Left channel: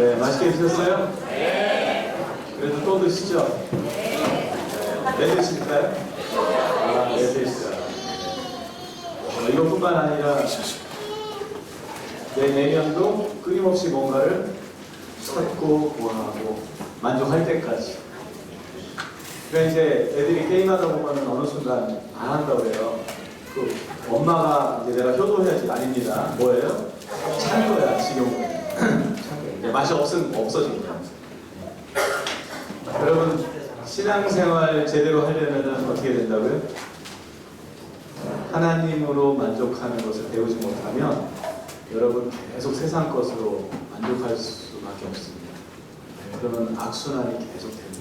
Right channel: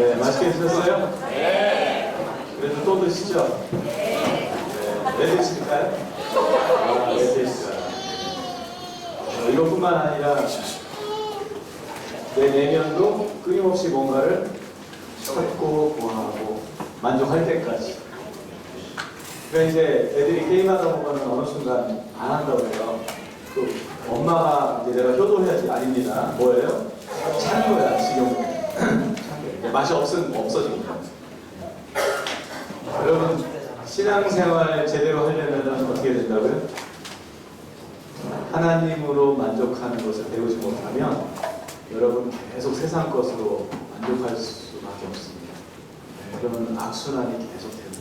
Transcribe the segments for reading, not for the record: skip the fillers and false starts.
네, 맛있게 드셨어요? 네. 그래도 또 드시죠? 네. 네 드실까요? 아, 네 드시죠. 이것뿐만 아니라 내 내면도 끊임없이 뭔가를 찾고 구하고 만족할 때까지. 그러니까 이제 애들이 게임하다 보면 어느 순간 안 한다고 해요. 그 엄마가 이제 내가 효도해야지. 아닙니다. 뭐예요? 찬 거야, 지금. 맛이 없어진 거야. 여러분, 신앙생활 제대로 하려면 어떻게 된다고요? 하나님으로 만족하는 것을 배우지 못하면 여러분 계속 세상 것으로 만족할 수밖에 없습니다. 그러면 악순환이 계속 됩니다.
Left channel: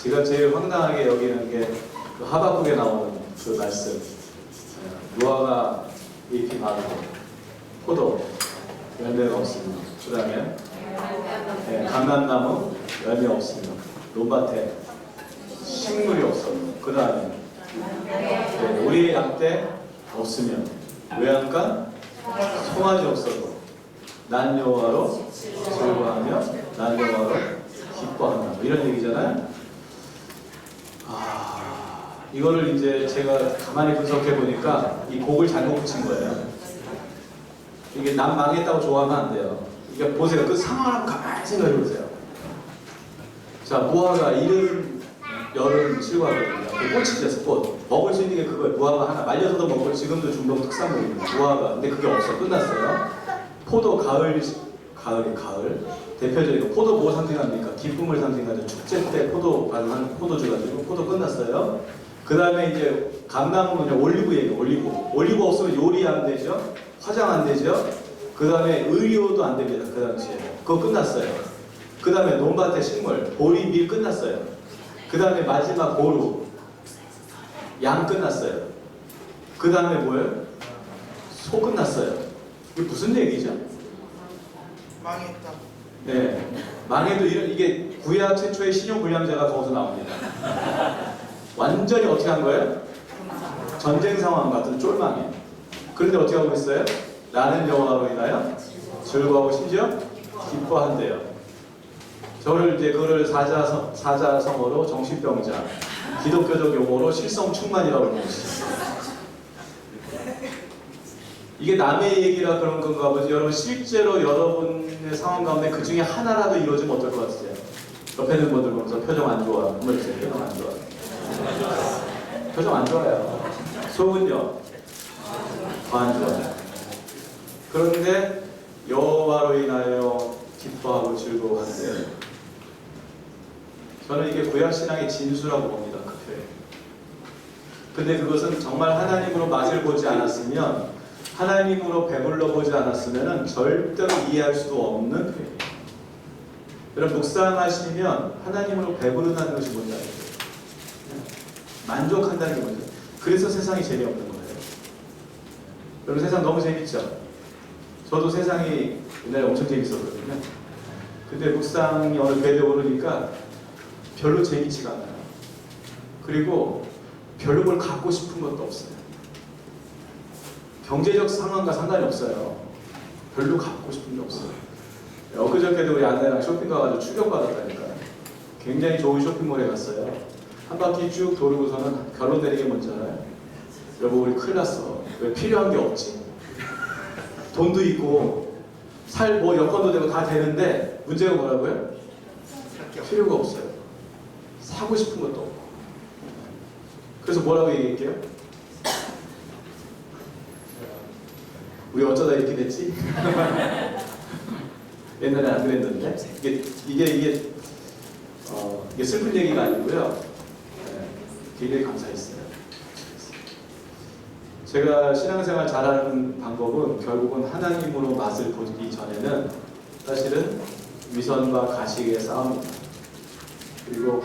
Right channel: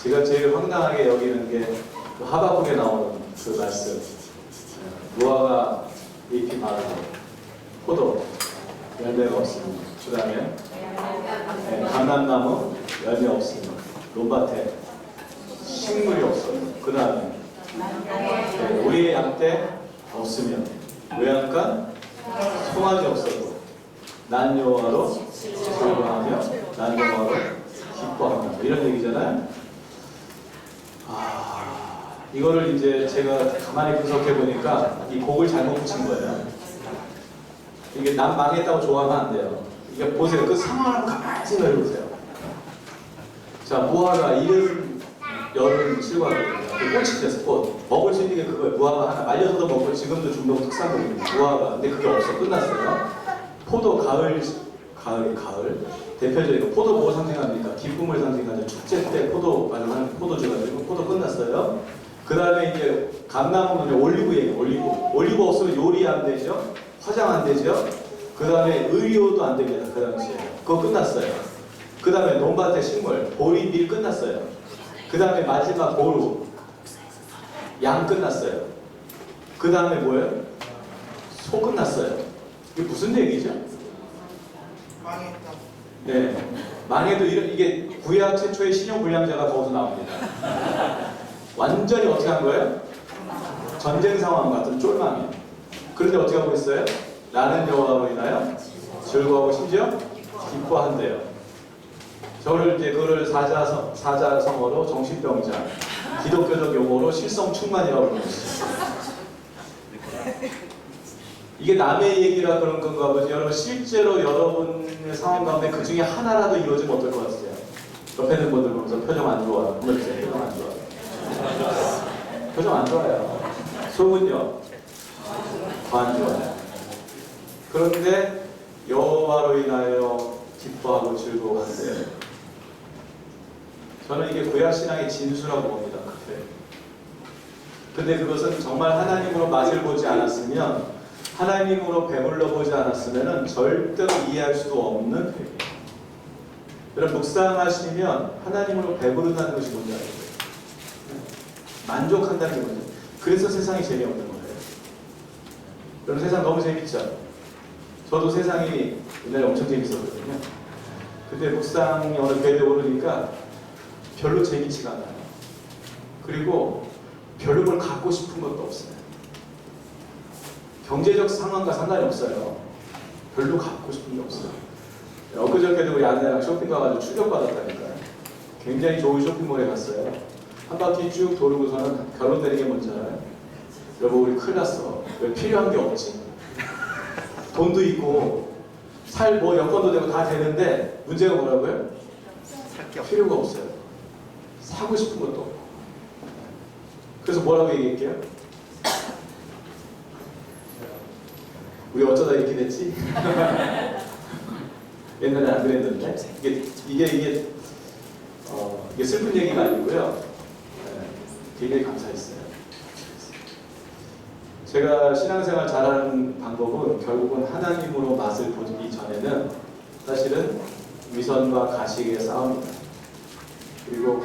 제가 제일 황당하게 여기는 게 그 하박국에 나오는 그 말씀. 노아가 잎이 마르고 포도 열매가 없습니다. 그 다음에 감람나무 열매 없습니다. 논밭에 식물이 없어요. 그 다음에 우리의 양떼 없으면 외양간 송아지 없어도 난 여호와로 즐거워하며 난 여호와로 기뻐한다. 이런 얘기잖아요. 이거를 이제 제가 가만히 분석해 보니까 이 곡을 잘못 붙인 거예요. 이게 난 망했다고 좋아하면 안 돼요. 이게 보세요. 그 상황을 한번 가만히 생각해 보세요. 자, 무화과 이른 여름 실과거든요. 꽃이 피었어, 꽃. 먹을 수 있는 게 그거예요. 무화과 하나. 말려서도 먹고 지금도 중동 특산물입니다. 무화과. 근데 그게 없어. 끝났어요. 포도 가을. 대표적인 포도 뭐 상징합니까? 기쁨을 상징하죠. 축제 때 포도 발효하는 포도주 가지고 포도 끝났어요. 그 다음에 이제 감나무는 올리브예요. 올리브 없으면 요리 안 되죠. 화장 안 되죠. 그 다음에 의료도 안 됩니다. 그 당시에. 그거 끝났어요. 그 다음에 논밭의 식물, 보리, 밀 끝났어요. 그 다음에 마지막 보루, 양 끝났어요. 그 다음에 뭐예요? 소 끝났어요. 이게 무슨 얘기죠? 망했다. 네. 망해도 이게 구약 최초의 신용불량자가 거기서 나옵니다. 완전히 어떻게 한 거예요? 전쟁 상황 같은 쫄망이에요. 그런데 어떻게 하고 있어요? 나는 여호와로 인하여 즐거워하고 심지어 기뻐한대요. 저를 이제 그거를 사자성어로 정신병자, 기독교적 용어로 실성충만이라고 부르시죠. 이게 남의 얘기라 그런 건가 보지. 여러분 실제로 여러분의 상황 가운데 그 중에 하나라도 이루어지면 어떨 것 같으세요? 옆에 있는 분들 보면서 표정 안 좋아. 한번 주세요. 표정 안 좋아. 표정 안 좋아요. 속은요? 더 안 좋아요. 그런데 여호와로 인하여 기뻐하고 즐거워한대요. 저는 이게 구약신앙의 진수라고 봅니다. 그 표현. 근데 그것은 정말 하나님으로 맛을 보지 않았으면, 하나님으로 배불러 보지 않았으면 절대로 이해할 수도 없는 표현이에요. 여러분 묵상하시면 하나님으로 배부른다는 것이 뭔지 알죠? 만족한다는 게 뭔지. 그래서 세상이 재미없는 거예요. 여러분 세상 너무 재밌죠? 저도 세상이 옛날에 엄청 재밌었거든요. 근데 묵상이 어느 궤도에 오르니까 별로 재밌지가 않아요. 그리고 별로 뭘 갖고 싶은 것도 없어요. 경제적 상황과 상관이 없어요. 별로 갖고 싶은 게 없어요. 엊그저께도 우리 아내랑 쇼핑 가가지고 충격받았다니까요. 굉장히 좋은 쇼핑몰에 갔어요. 한 바퀴 쭉 도르고서는 결론 내린 게 뭔지 알아요? 여보 우리 큰일 났어. 왜 필요한 게 없지? 돈도 있고 뭐 여건도 되고 다 되는데 문제가 뭐라고요? 필요가 없어요. 사고 싶은 것도 없고. 그래서 뭐라고 얘기할게요? 우리 어쩌다 이렇게 됐지? 옛날에 안 그랬는데 이게 슬픈 얘기가 아니고요. 굉장히 감사했어요. 제가 신앙생활 잘하는 방법은 결국은 하나님으로 맛을 보기 전에는 사실은 위선과 가식의 싸움입니다. 그리고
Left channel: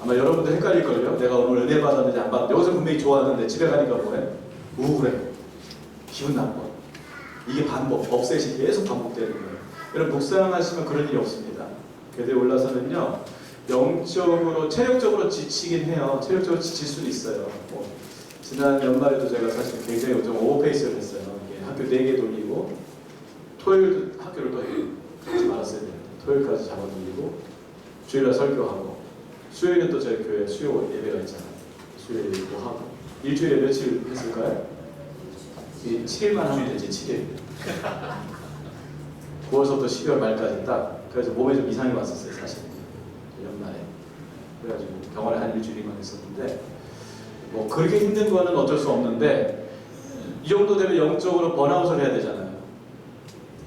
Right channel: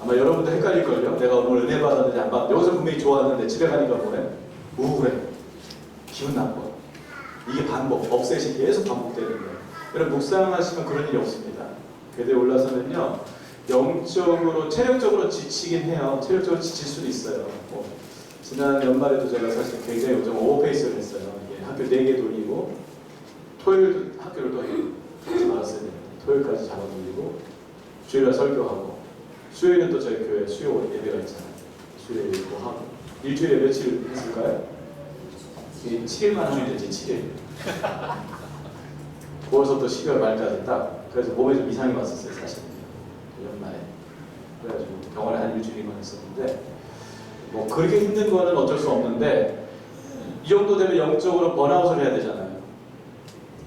아마 여러분들 헷갈릴걸요. 내가 오늘 은혜 받았는지 안 받았는지. 여기서 분명히 좋았는데 집에 가니까 뭐해? 우울해. 기분 나빠. 이게 반복, 업셋이 계속 반복되는 거예요. 여러분 묵상하시면 그런 일이 없습니다. 궤도에 올라서면요, 영적으로, 체력적으로 지치긴 해요. 체력적으로 지칠 수도 있어요. 지난 연말에도 제가 사실 굉장히 좀 오버페이스를 했어요. 학교 4개 돌리고 토요일도 학교를 더 하지 말았어야 되는데 토요일까지 잡아들이고 주일날 설교하고 수요일은 또 저희 교회 수요 예배가 있잖아요. 수요 예배도 하고 일주일에 며칠 했을까요? 7일만 하면 되지 7일. 9월서부터 12월 말까지 딱. 그래서 몸에 좀 이상이 왔었어요 사실 연말에. 그래가지고 병원에 한 일주일만 했었는데 뭐 그렇게 힘든 거는 어쩔 수 없는데 이 정도 되면 영적으로 번아웃을 해야 되잖아요.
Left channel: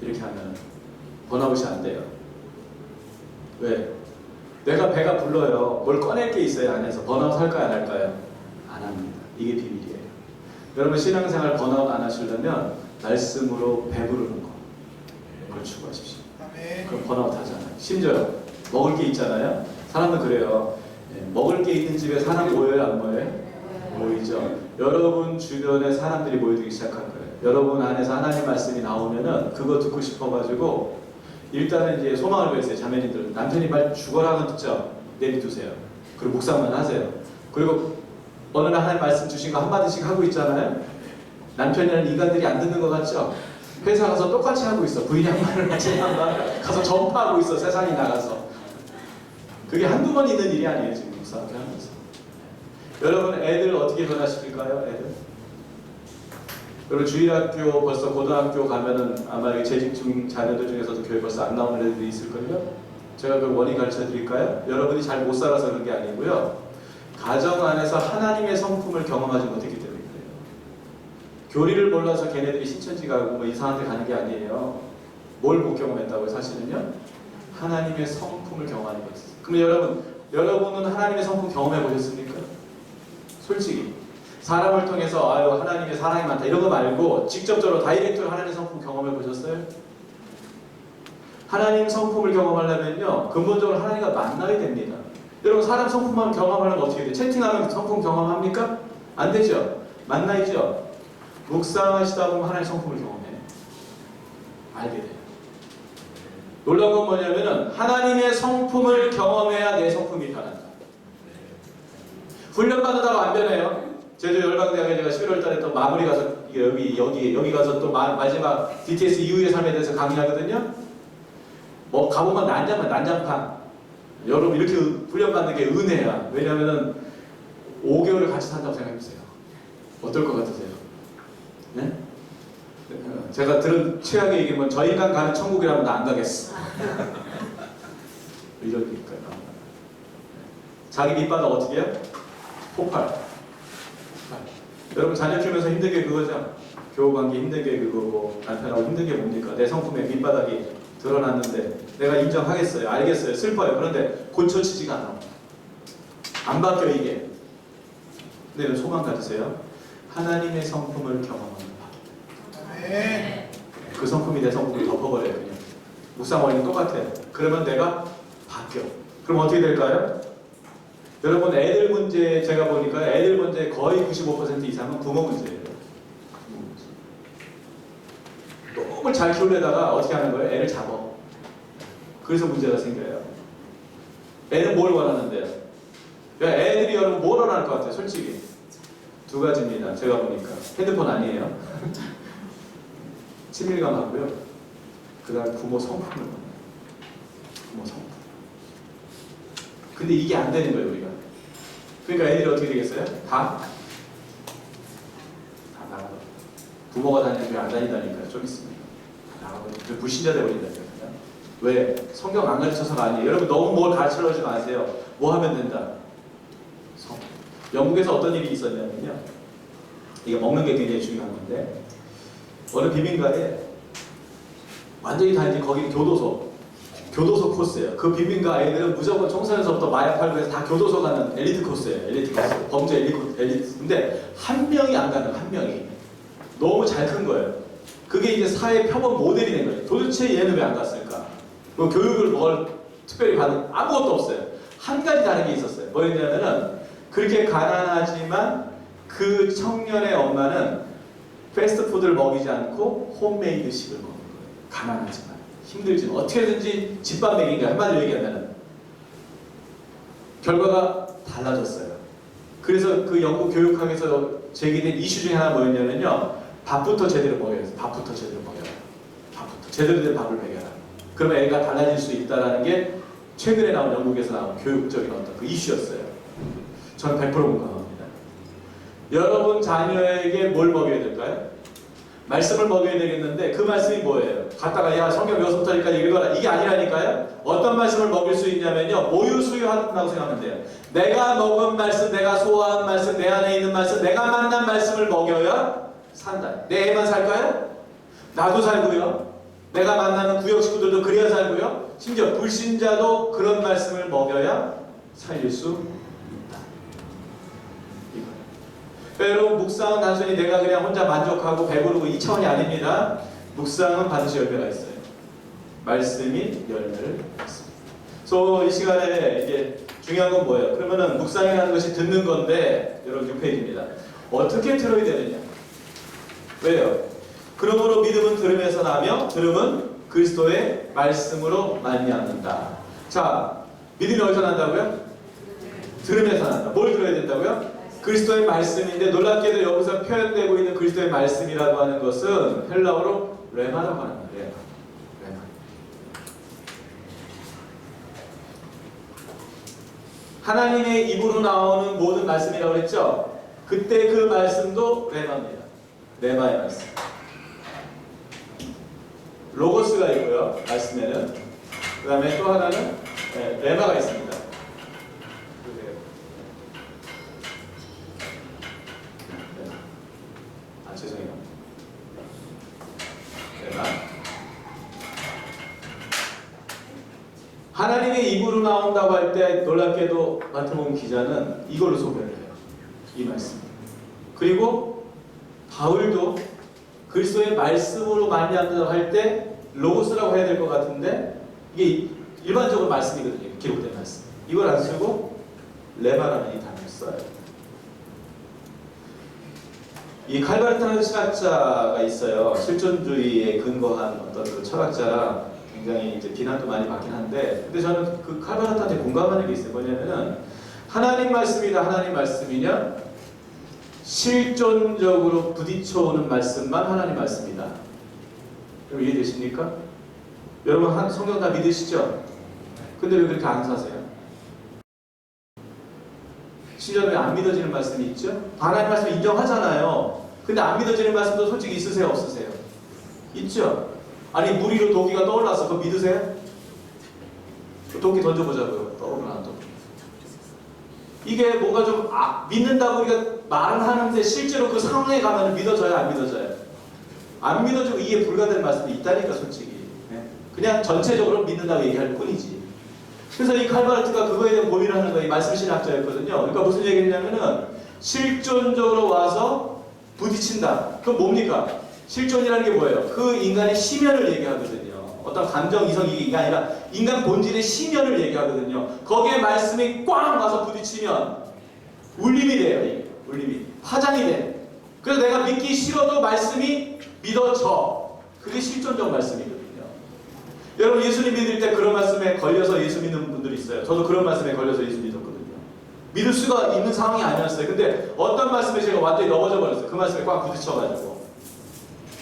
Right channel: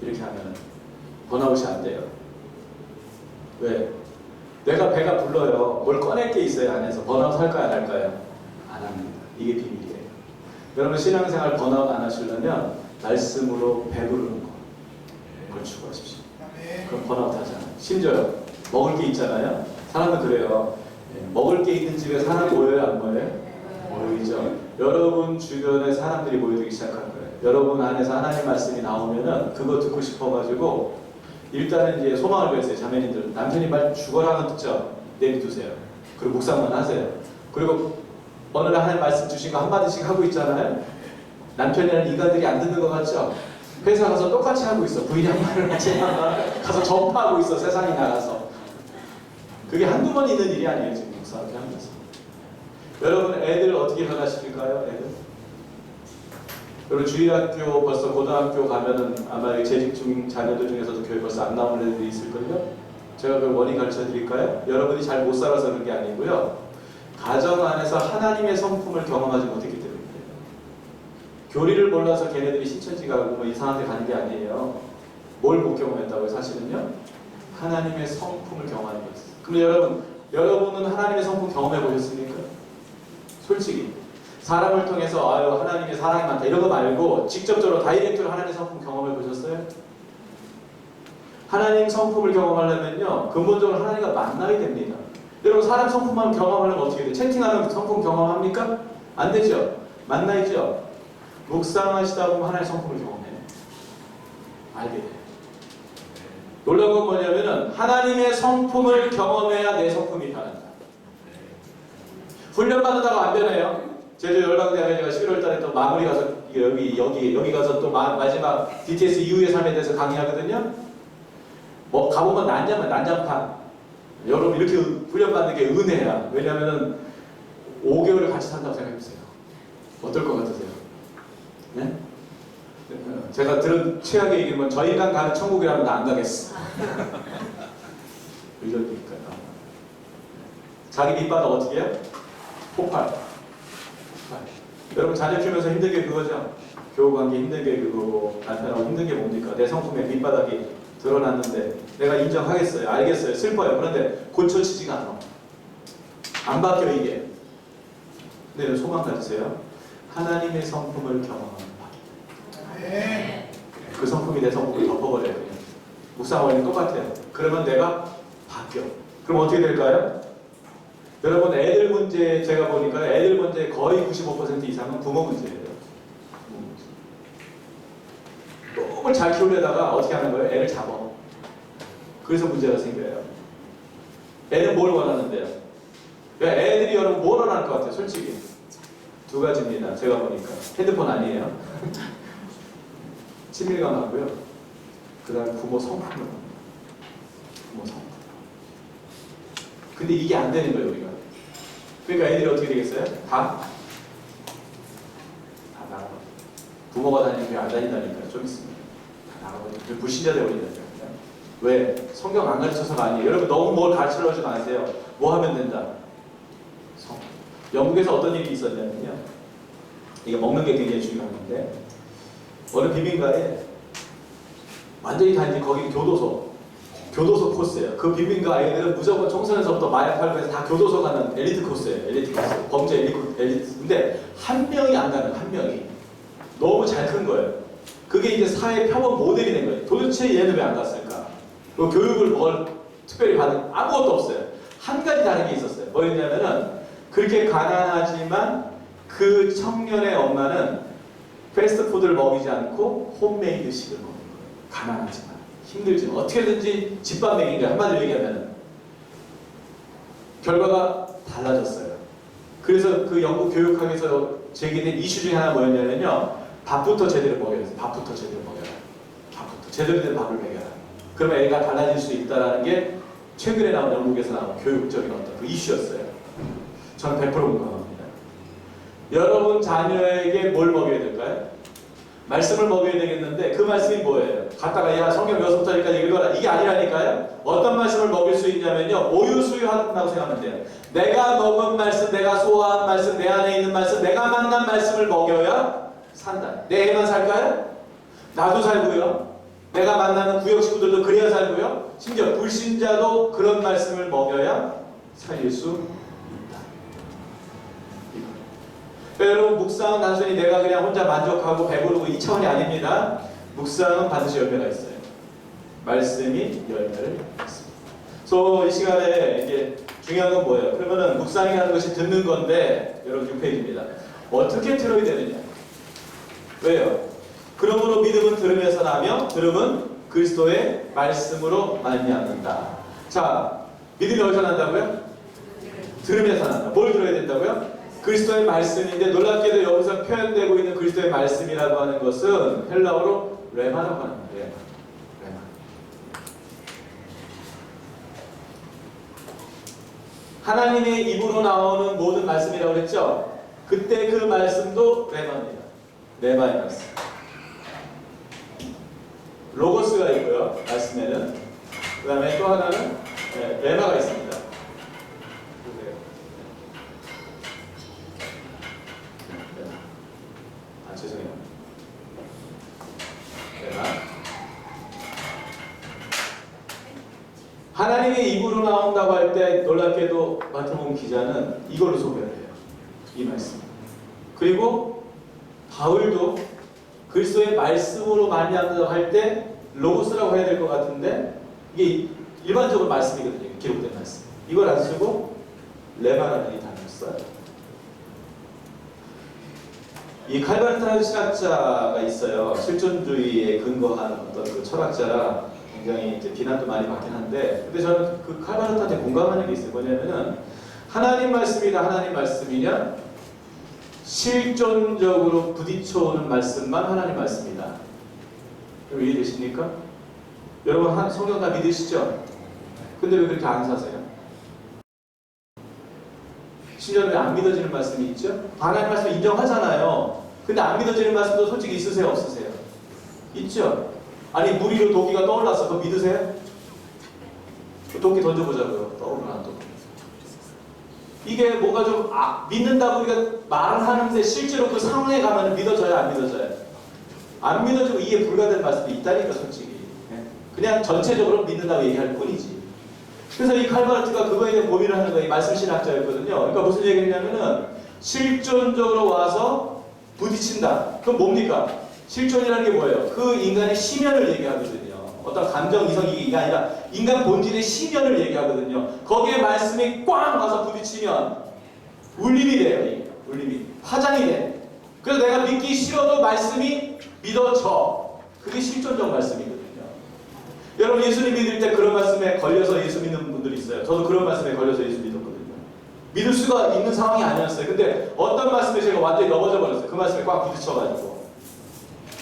이렇게 하면 번아웃이 안 돼요. 왜? 내가 배가 불러요. 뭘 꺼낼 게 있어요 안에서. 번아웃 할까요 안 할까요? 안 합니다. 이게 비밀이에요. 여러분 신앙생활 번아웃 안 하시려면 말씀으로 배부르는 거 그걸 추구하십시오. 그럼 번아웃 하잖아요. 심지어 먹을 게 있잖아요. 사람은 그래요. 먹을 게 있는 집에 사람 모여요 안 모여요? 모이죠. 여러분 주변에 사람들이 모여들기 시작한 거예요. 여러분 안에서 하나님 말씀이 나오면은 그거 듣고 싶어가지고 일단은 이제 소망을 보였어요. 자매님들 남편이 말 죽어라는 듣죠. 내비두세요. 그리고 묵상만 하세요. 그리고 어느 날 하나님 말씀 주신 거 한마디씩 하고 있잖아요. 남편이라는 인간들이 안 듣는 것 같죠? 회사 가서 똑같이 하고 있어. 부인이 한 말을 같이 가서 전파하고 있어. 세상에 나가서. 그게 한두 번 있는 일이 아니에요. 지금 묵상하게 하면서. 여러분 애들 어떻게 변화시킬까요? 애들? 여러분 주일학교 벌써 고등학교 가면은 아마 재직 중 자녀들 중에서도 교회 벌써 안 나오는 애들이 있을걸요? 제가 그 원인 가르쳐 드릴까요? 여러분이 잘 못 살아서 그런 게 아니고요. 가정 안에서 하나님의 성품을 경험하지 못했기 때문에 그래요. 교리를 몰라서 걔네들이 신천지 가고 뭐 이상한 데 가는 게 아니에요. 뭘 못 경험했다고요? 사실은요? 하나님의 성품을 경험하는 거였어요. 그럼 여러분은 하나님의 성품 경험해 보셨습니까? 솔직히 사람을 통해서 아유 하나님의 사랑이 많다 이런 거 말고 직접적으로 다이렉트로 하나님의 성품 경험해 보셨어요? 하나님 성품을 경험하려면요 근본적으로 하나님과 만나야 됩니다. 여러분 사람 성품만 경험하려면 어떻게 돼요? 채팅하면 성품 경험합니까? 안 되죠. 만나야죠. 묵상하시다 보면 하나님의 성품을 경험해요. 알게 돼요. 놀라운 건 뭐냐면은 하나님의 성품을 경험해야 내 성품이 변한다. 훈련 받으다가 안 변해요. 제주 열방대학에 제가 11월 달에 또 마무리 가서 여기 가서 또 마지막 DTS 이후의 삶에 대해서 강의하거든요. 뭐 가보면 난장판. 여러분 이렇게 훈련 받는 게 은혜야. 왜냐면은 5개월을 같이 산다고 생각해보세요. 어떨 것 같으세요? 네? 제가 들은 최악의 얘기는 저 인간 가는 천국이라면 나 안 가겠어. 이런 얘기니까요. 자기 밑바닥 어떻게 해요? 폭발. 여러분 자녀 키우면서 힘든 게 그거죠. 교우관계 힘든 게 그거고 남편하고 힘든 게 뭡니까? 내 성품의 밑바닥이 드러났는데 내가 인정하겠어요. 알겠어요. 슬퍼요. 그런데 고쳐지지가 않아. 안 바뀌어 이게. 근데 소망 가지세요. 하나님의 성품을 경험하는 바. 그 성품이 내 성품을 덮어버려요. 그냥. 묵상 원리는 똑같아요. 그러면 내가 바뀌어. 그럼 어떻게 될까요? 여러분 애들 문제 제가 보니까 애들 문제 거의 95% 이상은 부모 문제예요. 부모 문제. 너무 잘 키우려다가 어떻게 하는 거예요? 애를 잡아. 그래서 문제가 생겨요. 애는 뭘 원하는데요? 애들이 여러분 뭘 원할 것 같아요? 솔직히 두 가지입니다. 제가 보니까 핸드폰 아니에요. 친밀감 하고요. 그 다음 부모 성품을 원해요. 부모 성품. 근데 이게 안 되는 거예요 우리가. 그러니까 애들이 어떻게 되겠어요? 다 나가고 부모가 다니는 게 안 다닌다니까요. 좀 있습니다. 다 나가고 불신자 되어버린다니까요. 왜? 성경 안 가르쳐서가 아니에요. 여러분 너무 뭘 가르쳐주지 마세요. 뭐 하면 된다? 영국에서 어떤 일이 있었냐면요. 이게 먹는 게 굉장히 중요한 건데 어느 비민가에 완전히 다 이제 거기 교도소 코스예요. 그 빈민가 아이들은 무조건 청소년서부터 마약 팔고 해서 다 교도소 가는 엘리트 코스예요. 엘리트 코스. 범죄 엘리트. 근데 한 명이 안 가는 한 명이. 너무 잘 큰 거예요. 그게 이제 사회 표본 모델이 된 거예요. 도대체 얘는 왜 안 갔을까? 그 교육을 뭘 특별히 받은 아무것도 없어요. 한 가지 다른 게 있었어요. 뭐였냐면은 그렇게 가난하지만 그 청년의 엄마는 패스트푸드를 먹이지 않고 홈메이드식을 먹는 거예요. 가난하지만. 힘들지만 어떻게든지 집밥 먹인 거야. 한마디로 얘기하면 결과가 달라졌어요. 그래서 그 영국 교육학에서 제기된 이슈 중에 하나 뭐였냐면요. 밥부터 제대로 먹여야 돼. 밥부터 제대로 먹여라. 밥부터 제대로 된 밥을 먹여라. 그러면 애가 달라질 수 있다는 게 최근에 나온 영국에서 나온 교육적인 어떤 그 이슈였어요. 저는 100% 공감합니다. 여러분 자녀에게 뭘 먹여야 될까요? 말씀을 먹여야 되겠는데 그 말씀이 뭐예요? 갖다가 야 성경 6부터니까 읽어라 이게 아니라니까요. 어떤 말씀을 먹일 수 있냐면요, 모유수유한다고 생각하면 돼요. 내가 먹은 말씀, 내가 소화한 말씀, 내 안에 있는 말씀, 내가 만난 말씀을 먹여야 산다. 내 애만 살까요? 나도 살고요, 내가 만나는 구역 식구들도 그래야 살고요, 심지어 불신자도 그런 말씀을 먹여야 살릴 수 있다. 여러분, 묵상은 단순히 내가 그냥 혼자 만족하고 배부르고 이 차원이 아닙니다. 묵상은 반드시 열매가 있어요. 말씀이 열매를 맺습니다. 그래서 이 시간에 이제 중요한 건 뭐예요? 그러면은 묵상이라는 것이 듣는 건데, 여러분 6페이지입니다. 어떻게 들어야 되느냐? 왜요? 그러므로 믿음은 들음에서 나며 들음은 그리스도의 말씀으로 말미암는다. 자, 믿음이 어디서 난다고요? 들음에서 난다. 뭘 들어야 된다고요? 그리스도의 말씀인데, 놀랍게도 여기서 표현되고 있는 그리스도의 말씀이라고 하는 것은 헬라어로 레마라고 하는 거예요. 레마. 하나님의 입으로 나오는 모든 말씀이라고 그랬죠? 그때 그 말씀도 레마입니다. 레마의 말씀. 로고스가 있고요, 말씀에는. 그 다음에 또 하나는 레마가 있습니다. 죄송해요. 레마. 하나님의 입으로 나온다고 할 때 놀랍게도 마태복음 기자는 이걸로 소개를 해요. 이 말씀. 그리고 바울도 그리스도의 말씀으로 말미암는다고 할 때 로고스라고 해야 될 것 같은데, 이게 일반적으로 말씀이거든요. 기록된 말씀. 이걸 안 쓰고 레마라는 이 단어를 써요. 이 칼바르타라는 신학자가 있어요. 실존주의에 근거한 어떤 그 철학자라 굉장히 이제 비난도 많이 받긴 한데, 근데 저는 그 칼바르타한테 공감하는 게 있어요. 뭐냐면은, 하나님 말씀이다, 하나님 말씀이냐, 실존적으로 부딪혀오는 말씀만 하나님 말씀이다. 여러분 이해되십니까? 여러분 성경 다 믿으시죠? 근데 왜 그렇게 안 사세요? 심지어 왜 안 믿어지는 말씀이 있죠? 하나님 말씀 인정하잖아요. 근데 안 믿어지는 말씀도 솔직히 있으세요, 없으세요? 있죠? 아니 물 위로 도끼가 떠올랐어. 그거 믿으세요? 도끼 던져보자고요. 떠오르나 안 떠오르나. 이게 뭔가 좀 믿는다고 우리가 말은 하는데 실제로 그 상황에 가면 믿어져요, 안 믿어져요? 안 믿어지고 이해 불가된 말씀도 있다니까, 솔직히. 그냥 전체적으로 믿는다고 얘기할 뿐이지. 그래서 이 칼바르트가 그거에 대한 고민을 하는 거예요. 이 말씀 신학자였거든요. 그러니까 무슨 얘기냐면은, 실존적으로 와서 부딪힌다. 그건 뭡니까? 실존이라는 게 뭐예요? 그 인간의 심연을 얘기하거든요. 어떤 감정, 이성, 이게 아니라 인간 본질의 심연을 얘기하거든요. 거기에 말씀이 꽝 와서 부딪히면 울림이 돼요. 이게. 울림이. 화장이 돼. 그래서 내가 믿기 싫어도 말씀이 믿어져. 그게 실존적 말씀이거든요. 여러분 예수님 믿을 때 그런 말씀에 걸려서 예수 믿는 분들이 있어요. 저도 그런 말씀에 걸려서 예수 믿었거든요. 믿을 수가 있는 상황이 아니었어요. 근데 어떤 말씀에 제가 완전히 넘어져 버렸어요. 그 말씀에 꽉 부딪혀가지고.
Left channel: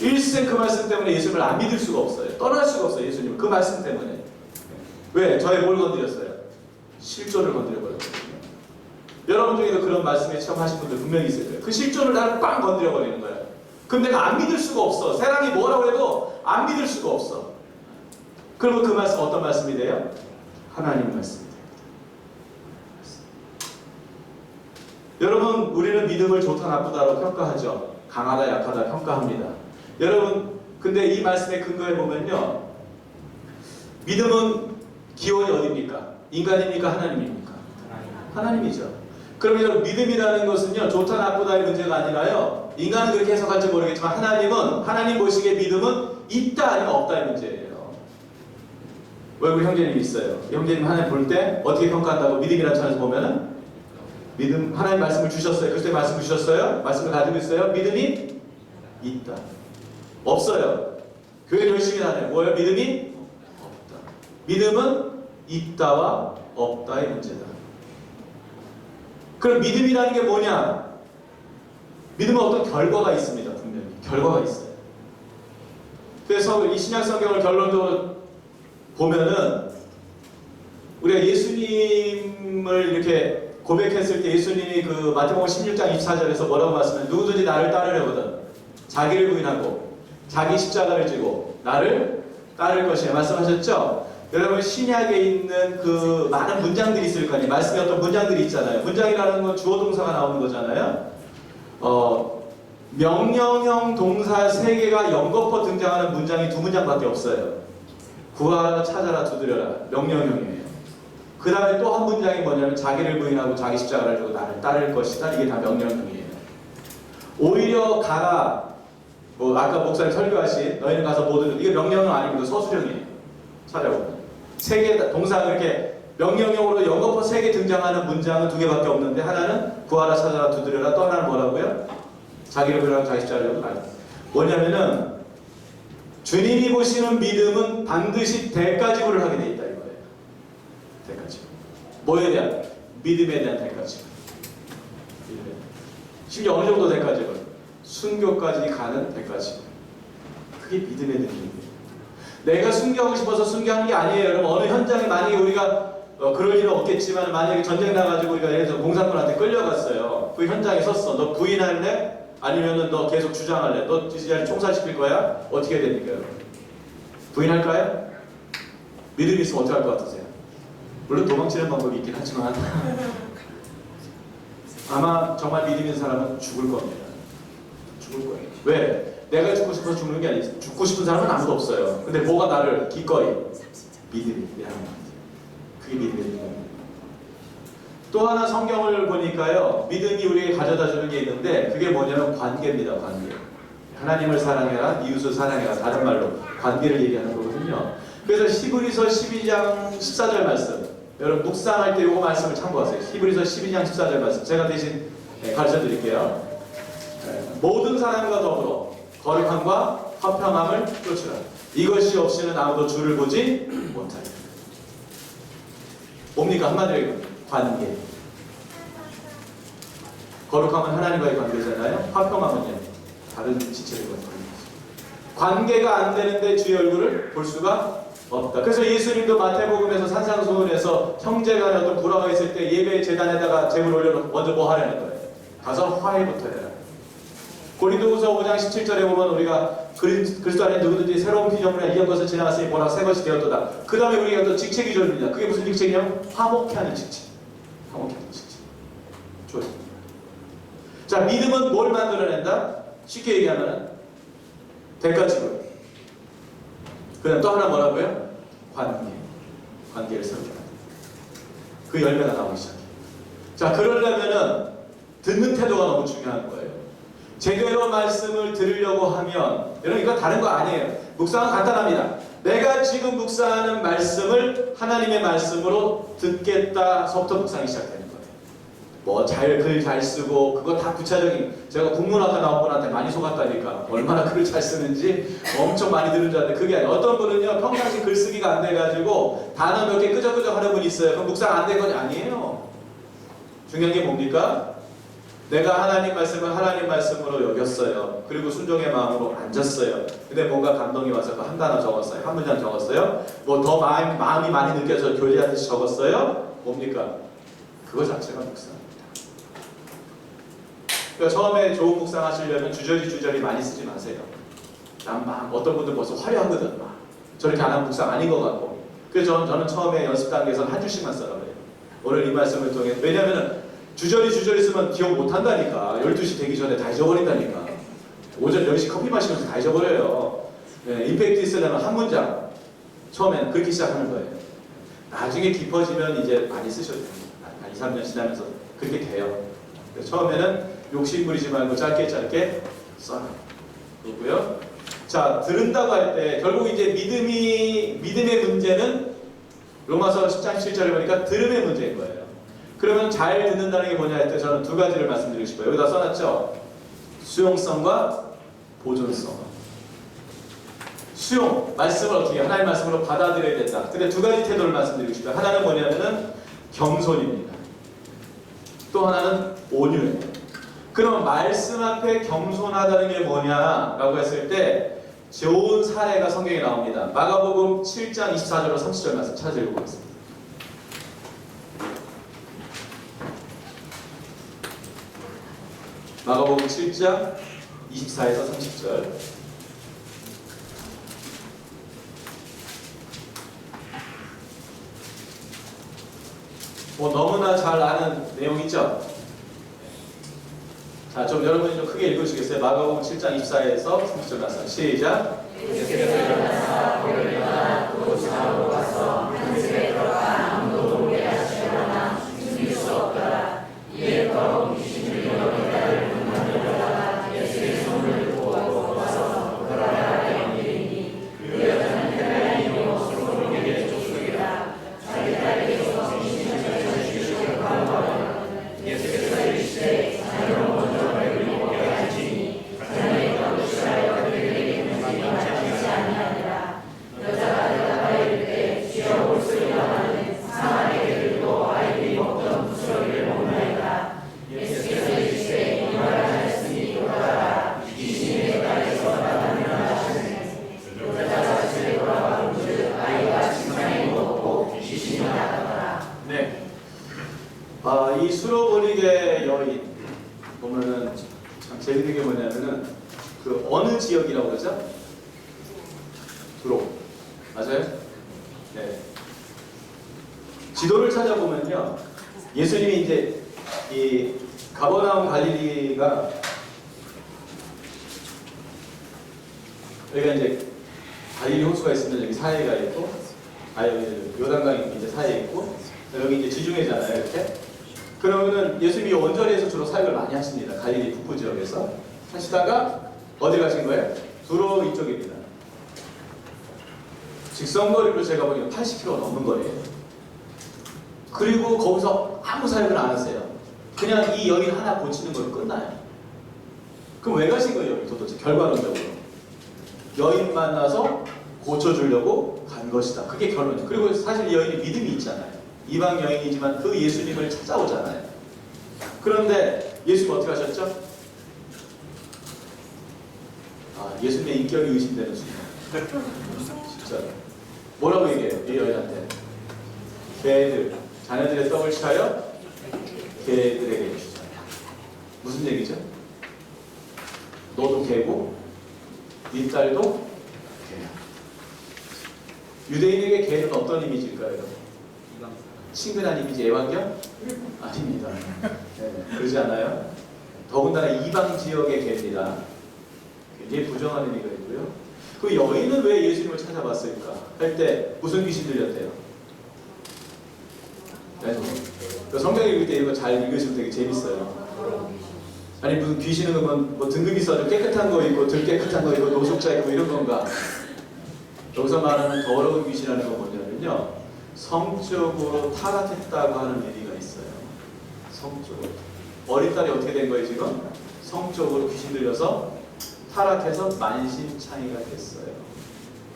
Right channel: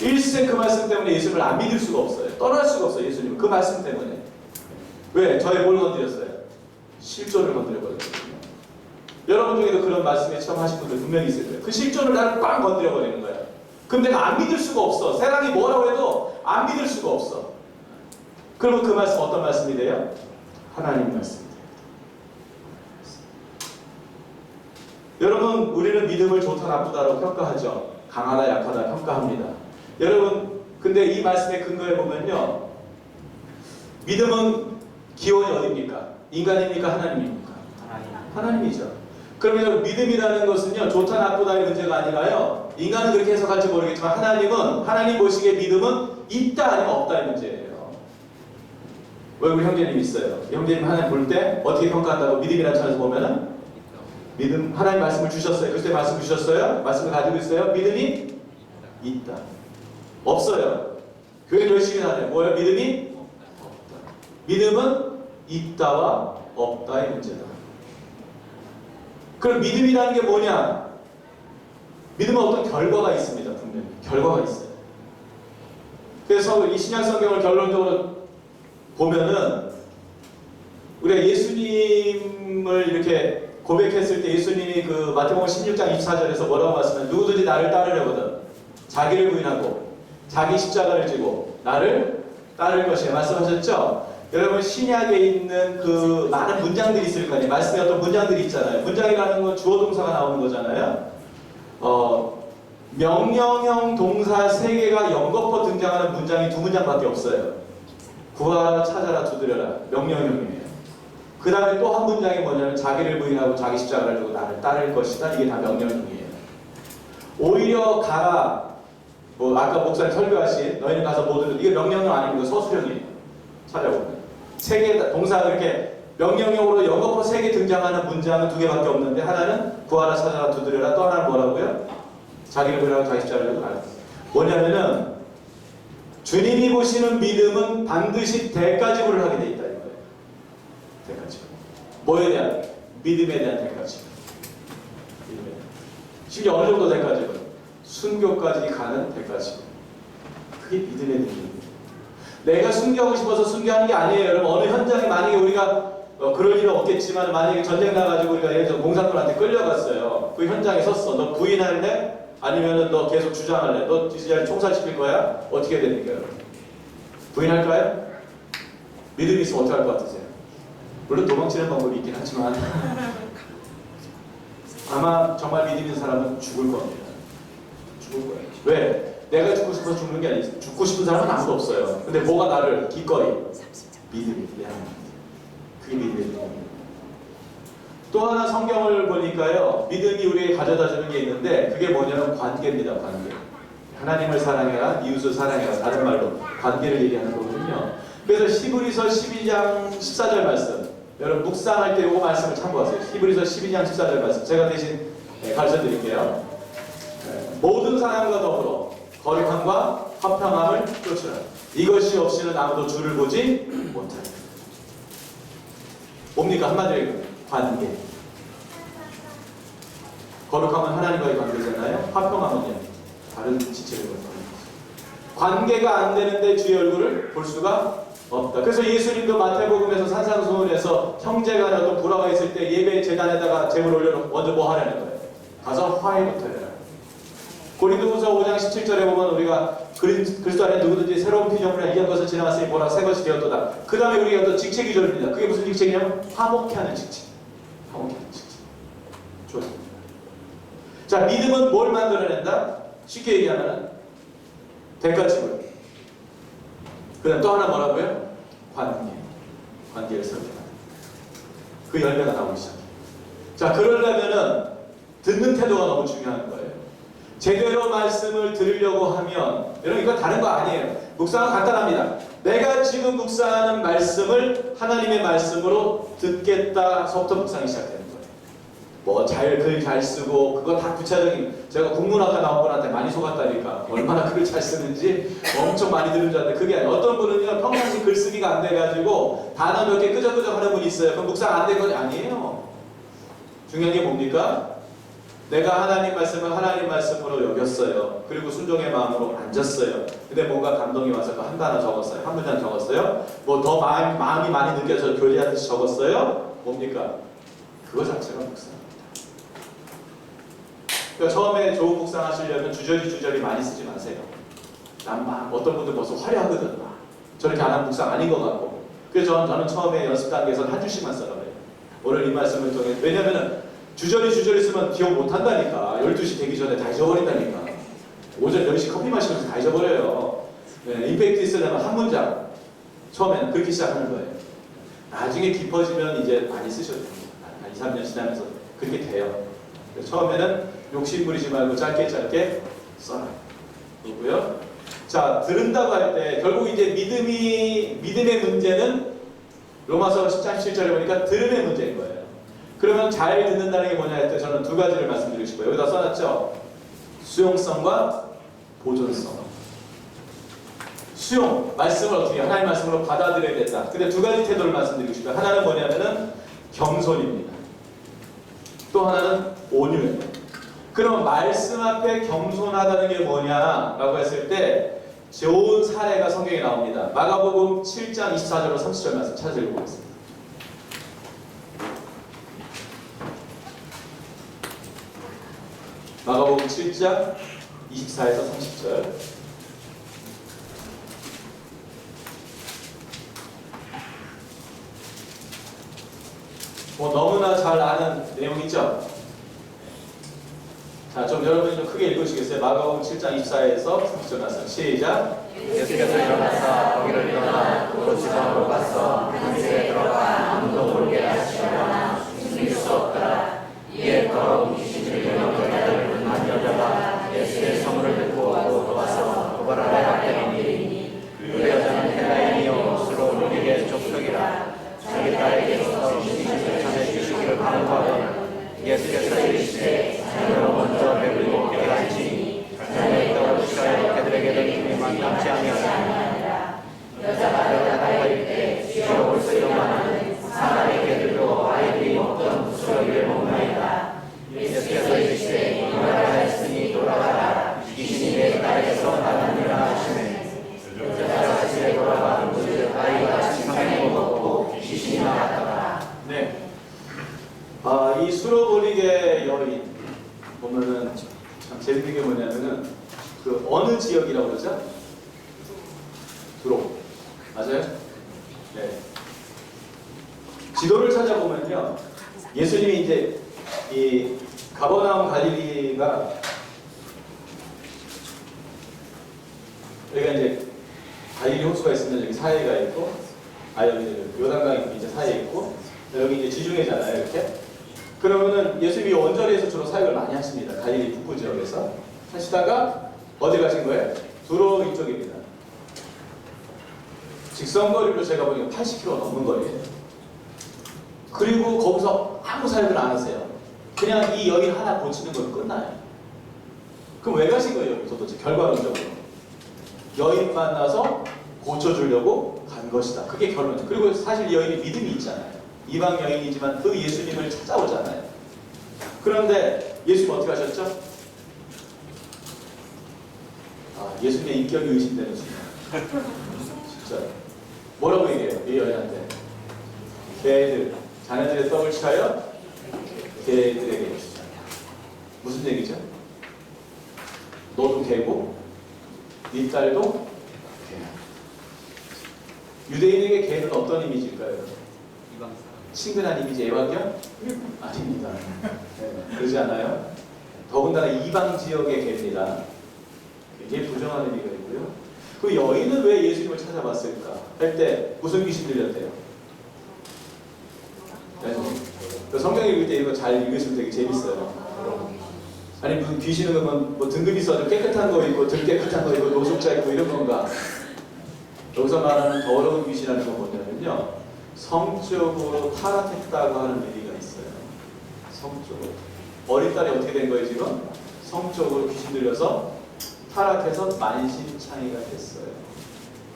일생 그 말씀 때문에 예수님을 안 믿을 수가 없어요. 떠날 수가 없어요. 예수님 그 말씀 때문에. 왜? 저의 뭘 건드렸어요? 실존을 건드려버렸거든요. 여러분 중에도 그런 말씀에 체험하신 분들 분명히 있을 거예요. 그 실존을 나를 꽉 건드려버리는 거예요. 그럼 내가 안 믿을 수가 없어. 세상이 뭐라고 해도 안 믿을 수가 없어. 그러면 그 말씀 어떤 말씀이 돼요? 하나님 말씀이 돼요. 여러분, 우리는 믿음을 좋다 나쁘다로 평가하죠. 강하다 약하다 평가합니다. 여러분, 근데 이 말씀에 근거해 보면요, 믿음은 기원이 어디입니까? 인간입니까? 하나님입니까? 하나님이죠. 그러면 여러분, 믿음이라는 것은요, 좋다 나쁘다의 문제가 아니라요, 인간은 그렇게 해석할지 모르겠지만 하나님 보시기에 믿음은 있다 아니면 없다의 문제예요. 왜? 우리 형제님 있어요. 형제님 하나님 볼 때 어떻게 평가한다고? 믿음이라는 차원에서 보면은, 믿음, 하나님 말씀을 주셨어요. 그리스도의 말씀을 주셨어요. 말씀을 가지고 있어요. 믿음이 있다. 없어요. 교회는 열심히 하네요. 뭐예요? 믿음이 없다. 믿음은 있다와 없다의 문제다. 그럼 믿음이라는 게 뭐냐? 믿음은 어떤 결과가 있습니다. 분명히 결과가 있어요. 그래서 이 신약 성경을 결론적으로 보면은 우리가 예수님을 이렇게 고백했을 때 예수님이 그 마태복음 16장 24절에서 뭐라고 말씀하면 누구든지 나를 따르려거든 자기를 부인하고 자기 십자가를 지고 나를 따를 것이야 말씀하셨죠? 여러분 신약에 있는 그 많은 문장들이 있을 거 아니에요. 말씀에 어떤 문장들이 있잖아요. 문장이라는 건 주어 동사가 나오는 거잖아요. 명령형 동사 3개가 연거푸 등장하는 문장이 2문장밖에 없어요. 구하라, 찾아라, 두드려라. 명령형이에요. 그 다음에 또 한 문장이 뭐냐면 자기를 부인하고 자기 십자가를 지고 나를 따를 것이다. 이게 다 명령형이에요. 오히려 가라. 뭐 아까 목사님 설교하신 너희는 가서 모든 이게 명령형 아닙니다. 서술형이에요. 찾아보면 3개 동사가 그렇게 명령형으로 연거푸 3개 등장하는 문장은 2개밖에 없는데 하나는 구하라, 찾아라, 두드려라. 또 하나는 뭐라고요? 자기를 부인하고 자기 십자가를 지고 나를. 뭐냐면은 주님이 보시는 믿음은 반드시 대가지불을 하게 돼 있다 이거예요. 대가지불. 뭐에 대한? 믿음에 대한 대가지불. 믿음에 대한. 심지어 어느 정도 대가지불? 순교까지 가는 대가지불. 그게 믿음의 능력입니다. 내가 순교하고 싶어서 순교하는 게 아니에요. 여러분 어느 현장에 만약에 우리가 그럴 일은 없겠지만 만약에 전쟁 나가지고 우리가 예를 들어 공산군한테 끌려갔어요. 그 현장에 섰어. 너 부인할래? 아니면은 너 계속 주장할래? 너 이제 총살시킬 거야? 어떻게 해야 됩니까? 부인할까요? 믿음이 있으면 어떻게 할 것 같으세요? 물론 도망치는 방법이 있긴 하지만 아마 정말 믿음 있는 사람은 죽을 겁니다. 죽을 거예요. 왜? 내가 죽고 싶어서 죽는 게 아니지. 죽고 싶은 사람은 아무도 없어요. 근데 뭐가 나를 기꺼이? 믿음이. 그게 믿음의 능력입니다. 또 하나 성경을 보니까요. 믿음이 우리에게 가져다주는 게 있는데 그게 뭐냐면 관계입니다. 관계. 하나님을 사랑해라. 이웃을 사랑해라. 다른 말로 관계를 얘기하는 거거든요. 그래서 히브리서 12장 14절 말씀 여러분 묵상할 때 이거 말씀을 참고하세요. 히브리서 12장 14절 말씀 제가 대신 가르쳐 드릴게요. 모든 사람과 더불어 거룩함과 화평함을 쫓으라. 이것이 없이는 아무도 주를 보지 못하리라. 뭡니까? 한마디로 관계. 거룩함은 하나님과의 관계잖아요. 화평함은요. 다른 지체를 관계. 관계가 안 되는데 주의 얼굴을 볼 수가 없다. 그래서 예수님도 마태복음에서 산상수훈에서 형제간에 어떤 불화가 있을 때 예배 제단에다가 제물 올려놓고 먼저 뭐 하라는 거예요? 가서 화해부터 해라. 고린도후서 5장 17절에 보면 우리가 그리스도 안에 누구든지 새로운 피조물이나 이전 것을 지나갔으니 보라 새 것이 되었도다. 그 다음에 우리가 또 직책이 절입니다. 그게 무슨 직책이냐면 화목케 하는 직책. 화목케 하는 직책. 좋습니다. 자, 믿음은 뭘 만들어낸다? 쉽게 얘기하면 대가지불. 그 다음 또 하나 뭐라고요? 관계. 관계를 설정한다. 그 열매가 나오기 시작해요. 자, 그러려면은 듣는 태도가 너무 중요한 거예요. 제대로 말씀을 들으려고 하면 여러분 이거 다른 거 아니에요. 묵상은 간단합니다. 내가 지금 묵상하는 말씀을 하나님의 말씀으로 듣겠다서부터 묵상이 시작되는 거예요. 뭐 글 잘 쓰고 그거 다 구체적인 제가 국문학과 나온 분한테 많이 속았다니까 얼마나 글을 잘 쓰는지 엄청 많이 들은 줄 알았는데 그게 아니에요. 어떤 분은요 평상시 글쓰기가 안 돼가지고 단어 몇 개 끄적끄적 하는 분이 있어요. 그럼 묵상 안 된 건 아니에요. 중요한 게 뭡니까? 내가 하나님 말씀을 하나님 말씀으로 여겼어요. 그리고 순종의 마음으로 앉았어요. 근데 뭔가 감동이 와서 그 한 단어 적었어요. 한 문장 적었어요. 뭐 더 마음이 많이 느껴서 교제하듯이 적었어요. 뭡니까? 그거 자체가 묵상입니다. 그러니까 처음에 좋은 묵상 하시려면 주저리 많이 쓰지 마세요. 난 막 어떤 분들 벌써 화려하거든. 막 저렇게 안 하면 묵상 아닌 것 같고. 그래서 저는 처음에 연습 단계에서는 한 줄씩만 써라 그래요. 오늘 이 말씀을 통해 왜냐면은 주저리 쓰면 기억 못 한다니까. 12시 되기 전에 다 잊어버린다니까. 오전 10시 커피 마시면서 다 잊어버려요. 네, 임팩트 있으려면 한 문장. 처음에는 그렇게 시작하는 거예요. 나중에 깊어지면 이제 많이 쓰셔도 됩니다. 한 2, 3년 지나면서 그렇게 돼요. 처음에는 욕심 부리지 말고 짧게 써라. 그렇고요. 자, 들은다고 할 때 결국 이제 믿음의 문제는 로마서 10장 17절에 보니까 들음의 문제인 거예요. 그러면 잘 듣는다는 게 뭐냐 할 때 저는 두 가지를 말씀드리고 싶어요. 여기다 써놨죠? 수용성과 보존성. 수용, 말씀을 어떻게 하나님의 말씀으로 받아들여야 된다. 근데 두 가지 태도를 말씀드리고 싶어요. 하나는 뭐냐면은 겸손입니다. 또 하나는 온유예요. 그럼 말씀 앞에 겸손하다는 게 뭐냐라고 했을 때 좋은 사례가 성경에 나옵니다. 마가복음 7장 24절로 30절 말씀 찾아 읽어보겠습니다. 마가복음 7장 24에서 30절. 너무나 잘 아는 내용이죠? 자, 좀 여러분이 좀 크게 읽으시겠어요? 마가복음 7장 24에서 30절 말씀. 시작. 예수께서 일어나사 거기를 일어나 또 지나고 가서 한 집에 들어가 아무도 모르게 하시려나 숨길 수 없더라. 이에 더러운 귀신을 영혼을 만들다가 예수의 손을 들고 와서 돌아가게 옮기니 그 여자는 대단히 영혼으로 물에게 족속이라. 자기 딸에게서 귀신을 찾으시기를 간구하여 예수께서 이르시되 자녀로 먼저 배를 먹게 하시니 자녀의 떡을 그들에게 있는지 영치 아니하니라. 여자가 여자가 이르되 주여 볼수있나마는 사람의 개들도 아이들이 먹던 부스러기를 먹나이다. 예수께서 이르시되 이 말을 하였으니 돌아가라. 귀신이 내 딸에서 나타나니라 하시니 여자가 집에 돌아가 그 아이가 침상에 누웠고 귀신이 나갔더라. 네. 이 수로버리게 여인 보면은 참 재밌는 게 뭐냐면은 그 어느 지역이라고 그러죠? 두로. 맞아요? 네. 지도를 찾아보면요. 예수님이 이제 이 가버나움 갈릴리가 여기가 이제 갈릴리 호수가 있으면 여기 사이가 있고 여기 요단강이 이제 사이에 있고 여기 이제 지중해잖아요, 이렇게. 그러면은 예수님이 원저리에서 주로 사역을 많이 하십니다. 갈릴리 북부 지역에서 하시다가 어디 가신 거예요? 두로 이쪽입니다. 직선거리로 제가 보니까 80km 넘는 거리예요. 그리고 거기서 아무 사역을 안 하세요. 그냥 이 여인 하나 고치는 걸로 끝나요. 그럼 왜 가신 거예요, 여기서 도대체 결과론적으로? 여인 만나서 고쳐주려고 간 것이다. 그게 결론이죠. 그리고 사실 이 여인이 믿음이 있잖아요. 이방 여인이지만 그 예수님을 찾아오잖아요. 그런데 예수님 어떻게 하셨죠? 예수님의 인격이 의심되는 순간. 진짜 뭐라고 얘기해요? 이 여인한테 개들, 자녀들의 떡을 취하여 개들에게 주자. 무슨 얘기죠? 너도 개고 네 딸도 개야. 유대인에게 개는 어떤 이미지일까요? 친근한 이미지, 애완견? 아닙니다. 네, 그러지 않아요? 더군다나 이방 지역의 개입니다. 굉장히 부정한 의미가 있고요. 그 여인은 왜 예수님을 찾아봤을까? 할 때 무슨 귀신 들렸대요? 네. 그 성경 읽을 때 이거 잘 읽으시면 되게 재밌어요. 아니 무슨 귀신은 뭐 등급이 있어도 깨끗한 거 있고 덜 깨끗한 거 있고 노숙자 있고 이런 건가? 여기서 말하는 더러운 귀신이라는 건 뭐냐면요. 성적으로 타락했다고 하는 의미가 있어요. 성적으로. 어린 딸이 어떻게 된 거예요 지금? 성적으로 귀신 들려서 타락해서 만신창이가 됐어요.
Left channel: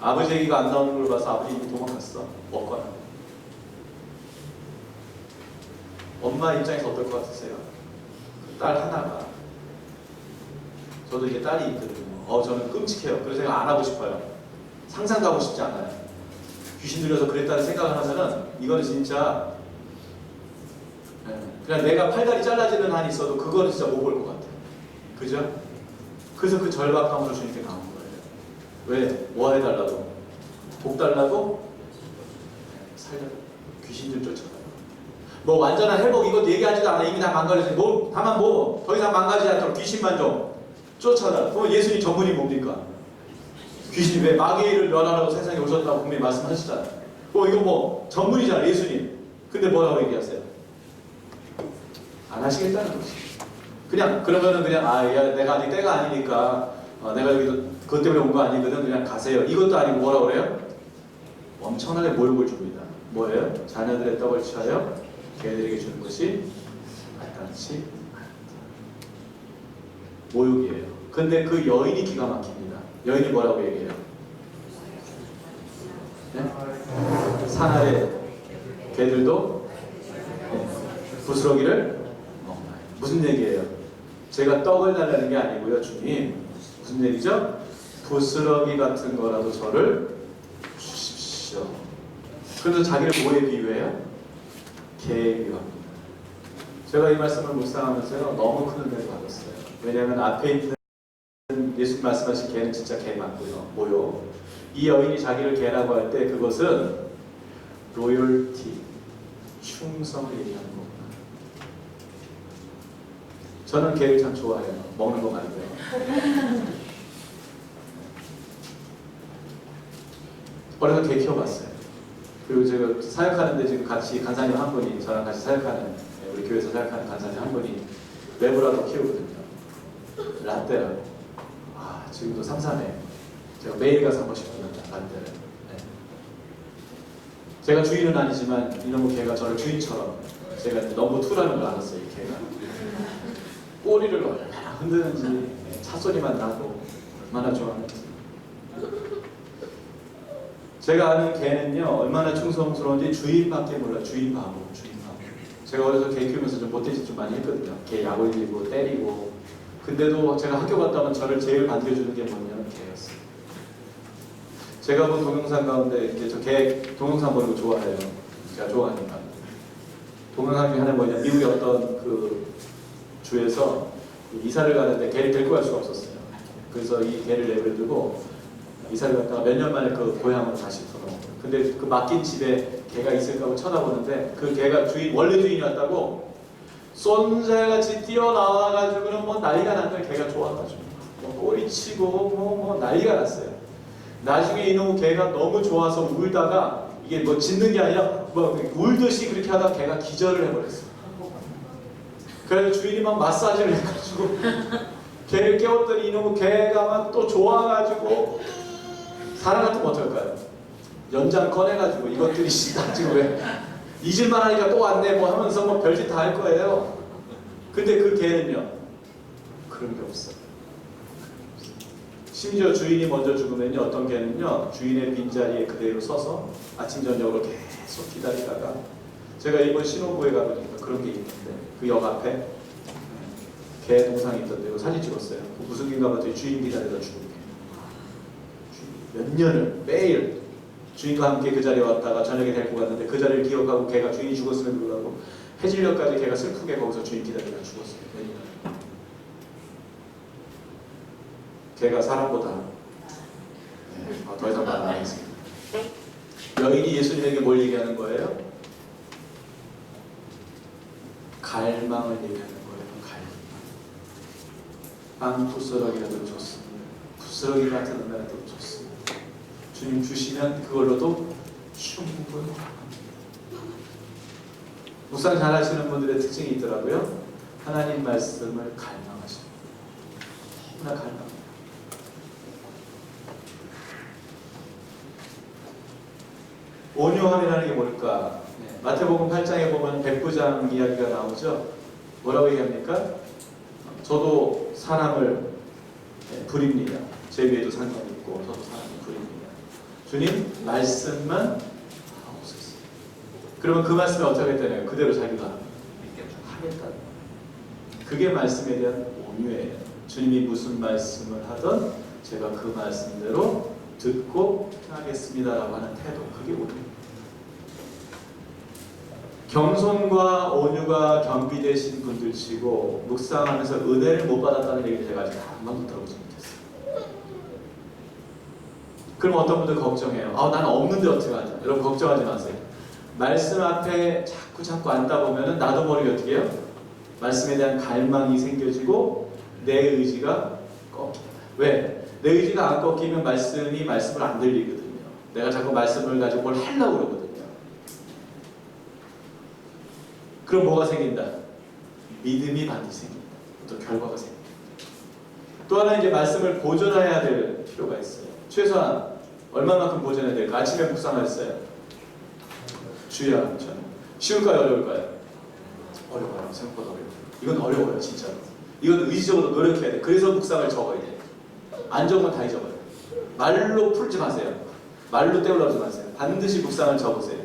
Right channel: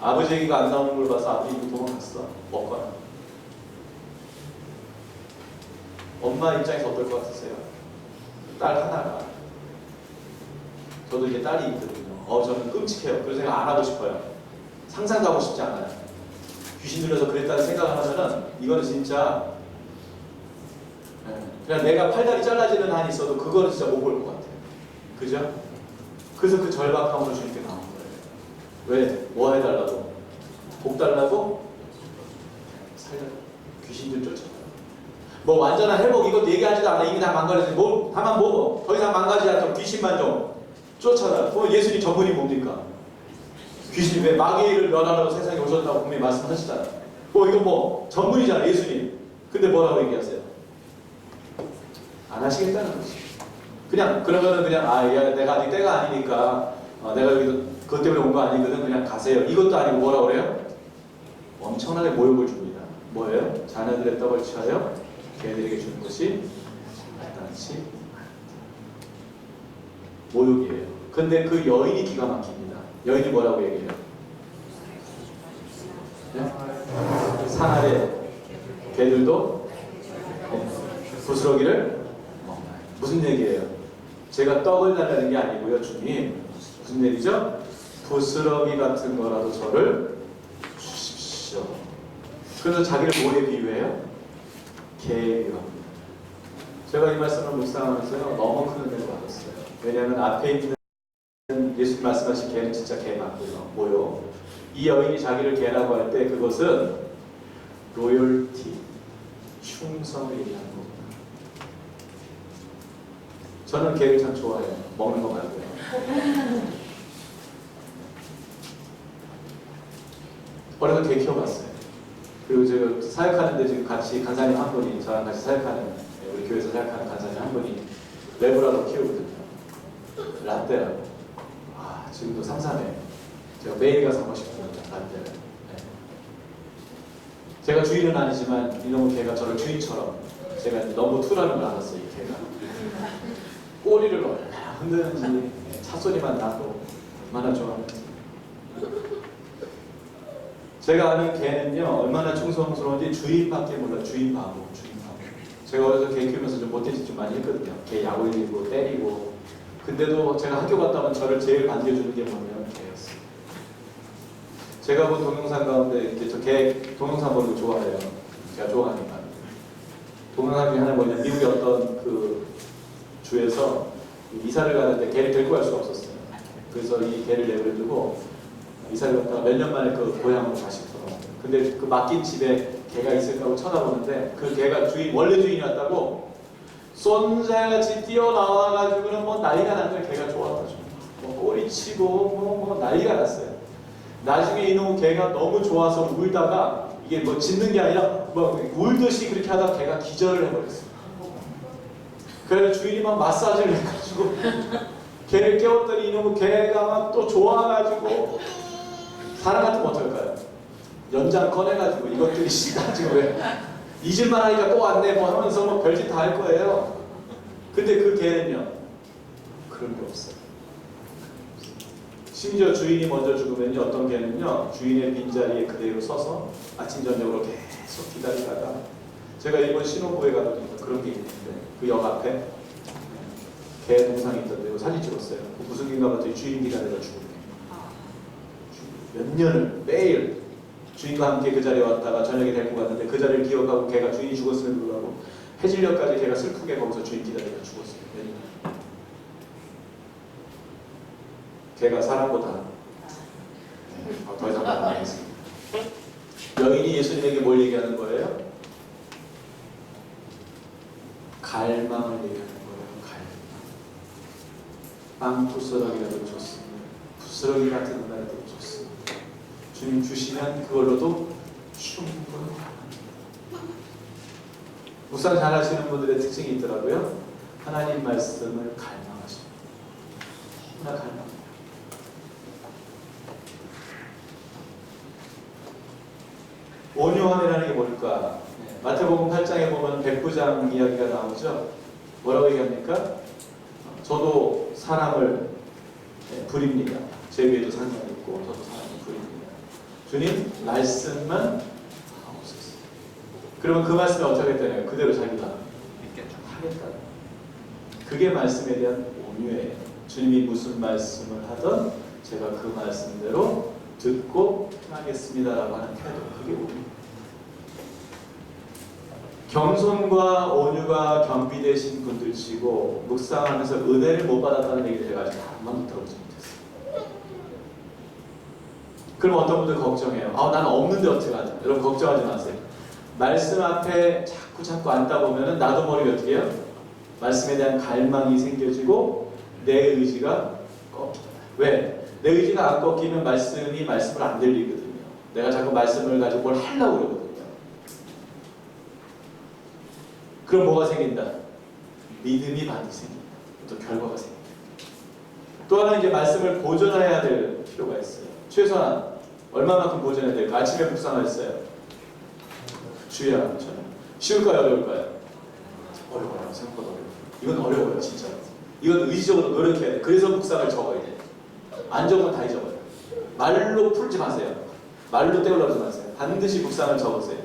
아버지 얘기가 안 나오는 걸 봐서 아버지 도망갔어. 먹거나. 엄마 입장에서 어떨 것 같으세요? 딸 하나가. 저도 이제 딸이 있거든요. 저는 끔찍해요. 그런 생각 안 하고 싶어요. 상상도 하고 싶지 않아요. 귀신 들려서 그랬다는 생각을 하면은 이거는 진짜 그냥 내가 팔다리 잘라지는 한이 있어도 그거는 진짜 못 볼 것 같아요. 그죠? 그래서 그 절박함으로 주님께 나온 거예요. 왜? 뭐 해달라고? 복 달라고? 살려고. 귀신 좀 쫓아가요. 뭐 완전한 회복 이것도 얘기하지도 않아. 이미 다 망가졌지. 뭐 다만 뭐 더 이상 망가지지 않도록 귀신만 좀 쫓아라. 그럼 예수님 전문이 뭡니까? 귀신이 왜 마귀를 멸하라고 세상에 오셨다고 분명히 말씀하시잖아요. 이거 뭐 전문이잖아요, 예수님. 근데 뭐라고 얘기하세요? 안 하시겠다는 거지. 그러면은 그냥 야, 내가 아직 때가 아니니까 내가 여기도 그것 때문에 온 거 아니거든. 그냥 가세요. 이것도 아니고 뭐라고 그래요? 엄청나게 모욕을 줍니다. 뭐예요? 자녀들의 떡을 취하여 개들에게 주는 것이 마땅치 않다. 모욕이에요. 근데 그 여인이 기가 막힙니다. 여인이 뭐라고 얘기해요? 네? 산 아래 개들도 부스러기를 먹나요? 무슨 얘기예요? 제가 떡을 달라는 게 아니고요, 주님. 무슨 얘기죠? 부스러기 같은 거라도 저를 주십시오. 그래서 자기를 뭐에 비유해요? 개에 비유합니다. 제가 이 말씀을 묵상하면서요 너무 큰 은혜를 받았어요. 왜냐하면 앞에 있는 예수님 말씀하신 개는 진짜 개 맞고요. 뭐요? 이 여인이 자기를 개라고 할 때 그것은 로열티, 충성을 얘기하는 겁니다. 저는 개를 참 좋아해요. 먹는 거 말고요. 어려서 개 키워봤어요. 그리고 제가 사역하는데 지금 같이 간사님 한 분이 저랑 같이 사역하는 우리 교회에서 사역하는 간사님 한 분이 레브라도 키우거든요. 라떼라고. 아 지금도 3-4네. 제가 매일 가서 한 번씩 보는데 라떼를. 네. 제가 주인은 아니지만 이놈의 개가 저를 주인처럼 제가 너무 투라는 걸 알았어요. 이 개가. 꼬리를 얼마나 흔드는지 차소리만 나도 얼마나 좋아하는지. 제가 아는 개는요 얼마나 충성스러운지 주인밖에 몰라요. 주인 바보. 제가 어려서 개 키우면서 좀 못된 짓 좀 많이 했거든요. 개 약 올리고 때리고. 근데도 제가 학교 갔다 오면 저를 제일 반겨주는 게 뭐냐면 개였어요. 제가 본 동영상 가운데 이제 저 개 동영상 보는 거 좋아해요. 제가 좋아하니까. 동영상 중에 하나 뭐냐, 미국의 어떤 그 주에서 이사를 가는데 개를 데리고 갈 수가 없었어요. 그래서 이 개를 내버려두고 이사를 갔다가 몇 년 만에 그 고향으로 다시 돌아온 거예요. 근데 그 맡긴 집에 개가 있을까 하고 쳐다보는데 그 개가 원래 주인이었다고 쏜살같이 뛰어나와가지고는 뭐 난리가 난 거예요. 개가 좋아가지고 뭐 꼬리치고 뭐 난리가 났어요. 나중에 이놈 개가 너무 좋아서 울다가 이게 뭐 짖는 게 아니라 뭐 울듯이 그렇게 하다가 개가 기절을 해버렸어요. 그래서 주인이 막 마사지를 해가지고 개를 깨웠더니 이놈의 개가 막 또 좋아가지고 사람 같으면 어떨까요? 연장 꺼내가지고 이것들이 나중에 왜 잊을만 하니까 또 왔네 뭐 하면서 뭐 별짓 다 할 거예요. 근데 그 개는요 그런 게 없어요. 심지어 주인이 먼저 죽으면요 어떤 개는요 주인의 빈자리에 그대로 서서 아침 저녁으로 계속 기다리다가 제가 이번 신혼부에 가보니까 그런 게 있는데 그 역 앞에 개 동상이 있던데 사진 찍었어요. 무슨 개인가 봤더니 주인 기다리다 죽은 개. 몇 년을 매일 주인과 함께 그 자리에 왔다가 저녁에 데리고 갔는데 그 자리를 기억하고 걔가 주인이 죽었음에도 불구하고 해질녘까지 걔가 슬프게 거기서 주인 기다리다 죽었어요. 몇 년. 걔가 사람보다 더 이상 말 안 하겠습니다. 여인이 예수님에게 뭘 얘기하는 거예요? 갈망을 얘기하는 거예요. 갈망. 빵 부스러기라도 좋습니다. 부스러기 같은 은혜라도 좋습니다. 주님 주시면 그걸로도 충분합니다. 묵상 잘 하시는 분들의 특징이 있더라고요. 하나님 말씀을 갈망하십니다. 너무나 갈망합니다. 온유함이라는 게 뭘까? 네, 마태복음 8장에 보면 백부장 이야기가 나오죠. 뭐라고 얘기합니까? 저도 사람을 부립니다. 제 위에도 상관이 있고 저도 사람을 부립니다. 주님 말씀만 없었어요. 그러면 그 말씀이 어떻게 했다네요? 그대로 자기가 하겠다. 그게 말씀에 대한 온유예요. 주님이 무슨 말씀을 하든 제가 그 말씀대로 듣고 하겠습니다라고 하는 태도, 그게 온유예요. 겸손과 온유가 겸비되신 분들 치고 묵상하면서 은혜를 못 받았다는 얘기를 제가 아직 한 번도 들어보지 못했어요. 그럼 어떤 분들 걱정해요. 나는 없는데 어떡하지? 여러분 걱정하지 마세요. 말씀 앞에 자꾸 앉다 보면은 나도 모르게 어떻게 해요? 말씀에 대한 갈망이 생겨지고 내 의지가 꺾입니다. 왜? 내 의지가 안 꺾이면 말씀을 안 들리거든요. 내가 자꾸 말씀을 가지고 뭘 하려고 그러거든요. 그럼 뭐가 생긴다? 믿음이 반드시 생깁니다. 또 결과가 생깁니다. 또 하나 이제 말씀을 보존해야 될 필요가 있어요. 최소한 얼마만큼 보존해야 될까? 아침에 묵상했어요. 주야, 저는 쉬울까요? 어려울까요? 어려워요. 생각보다 어려워요. 이건 어려워요. 진짜로. 이건 의지적으로 노력해야 돼요. 그래서 묵상을 적어야 돼요. 안 적으면 다 잊어버려요. 말로 풀지 마세요. 말로 때우려고 하지 마세요. 반드시 묵상을 적으세요.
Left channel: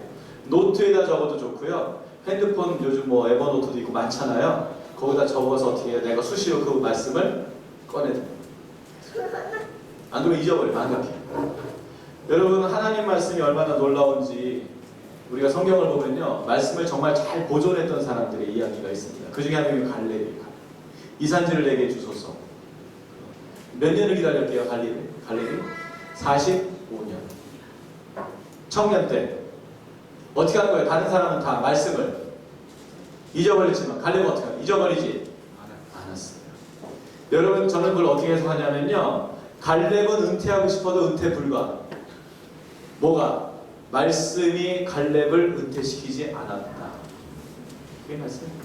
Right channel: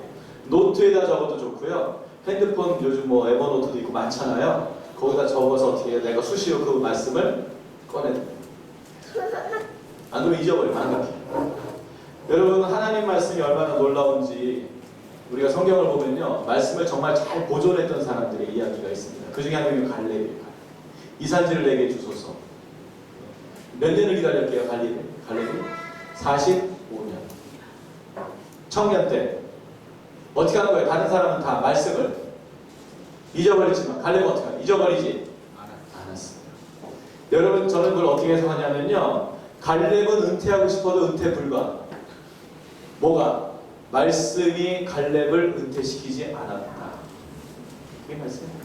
노트에다 적어도 좋고요. 핸드폰 요즘 뭐 에버노트도 있고 많잖아요. 거기다 적어서 어떻게 해요? 내가 수시로 그 말씀을 꺼내요. 안 안 그러면 잊어버려, 망각해. 여러분, 하나님 말씀이 얼마나 놀라운지 우리가 성경을 보면요, 말씀을 정말 잘 보존했던 사람들의 이야기가 있습니다. 그 중에 한 명이 갈렙이에요. 이 산지를 내게 주소서. 몇 년을 기다렸게요, 갈렙이? 45년. 청년 때 어떻게 한 거예요? 다른 사람은 다 말씀을 잊어버렸지만 갈렙은 어떻게 하냐? 잊어버리지 않았어요. 여러분, 저는 그걸 어떻게 해석하냐면요, 갈렙은 은퇴하고 싶어도 은퇴 불가. 뭐가? 말씀이 갈렙을 은퇴시키지 않았다. 그게 말씀이에요.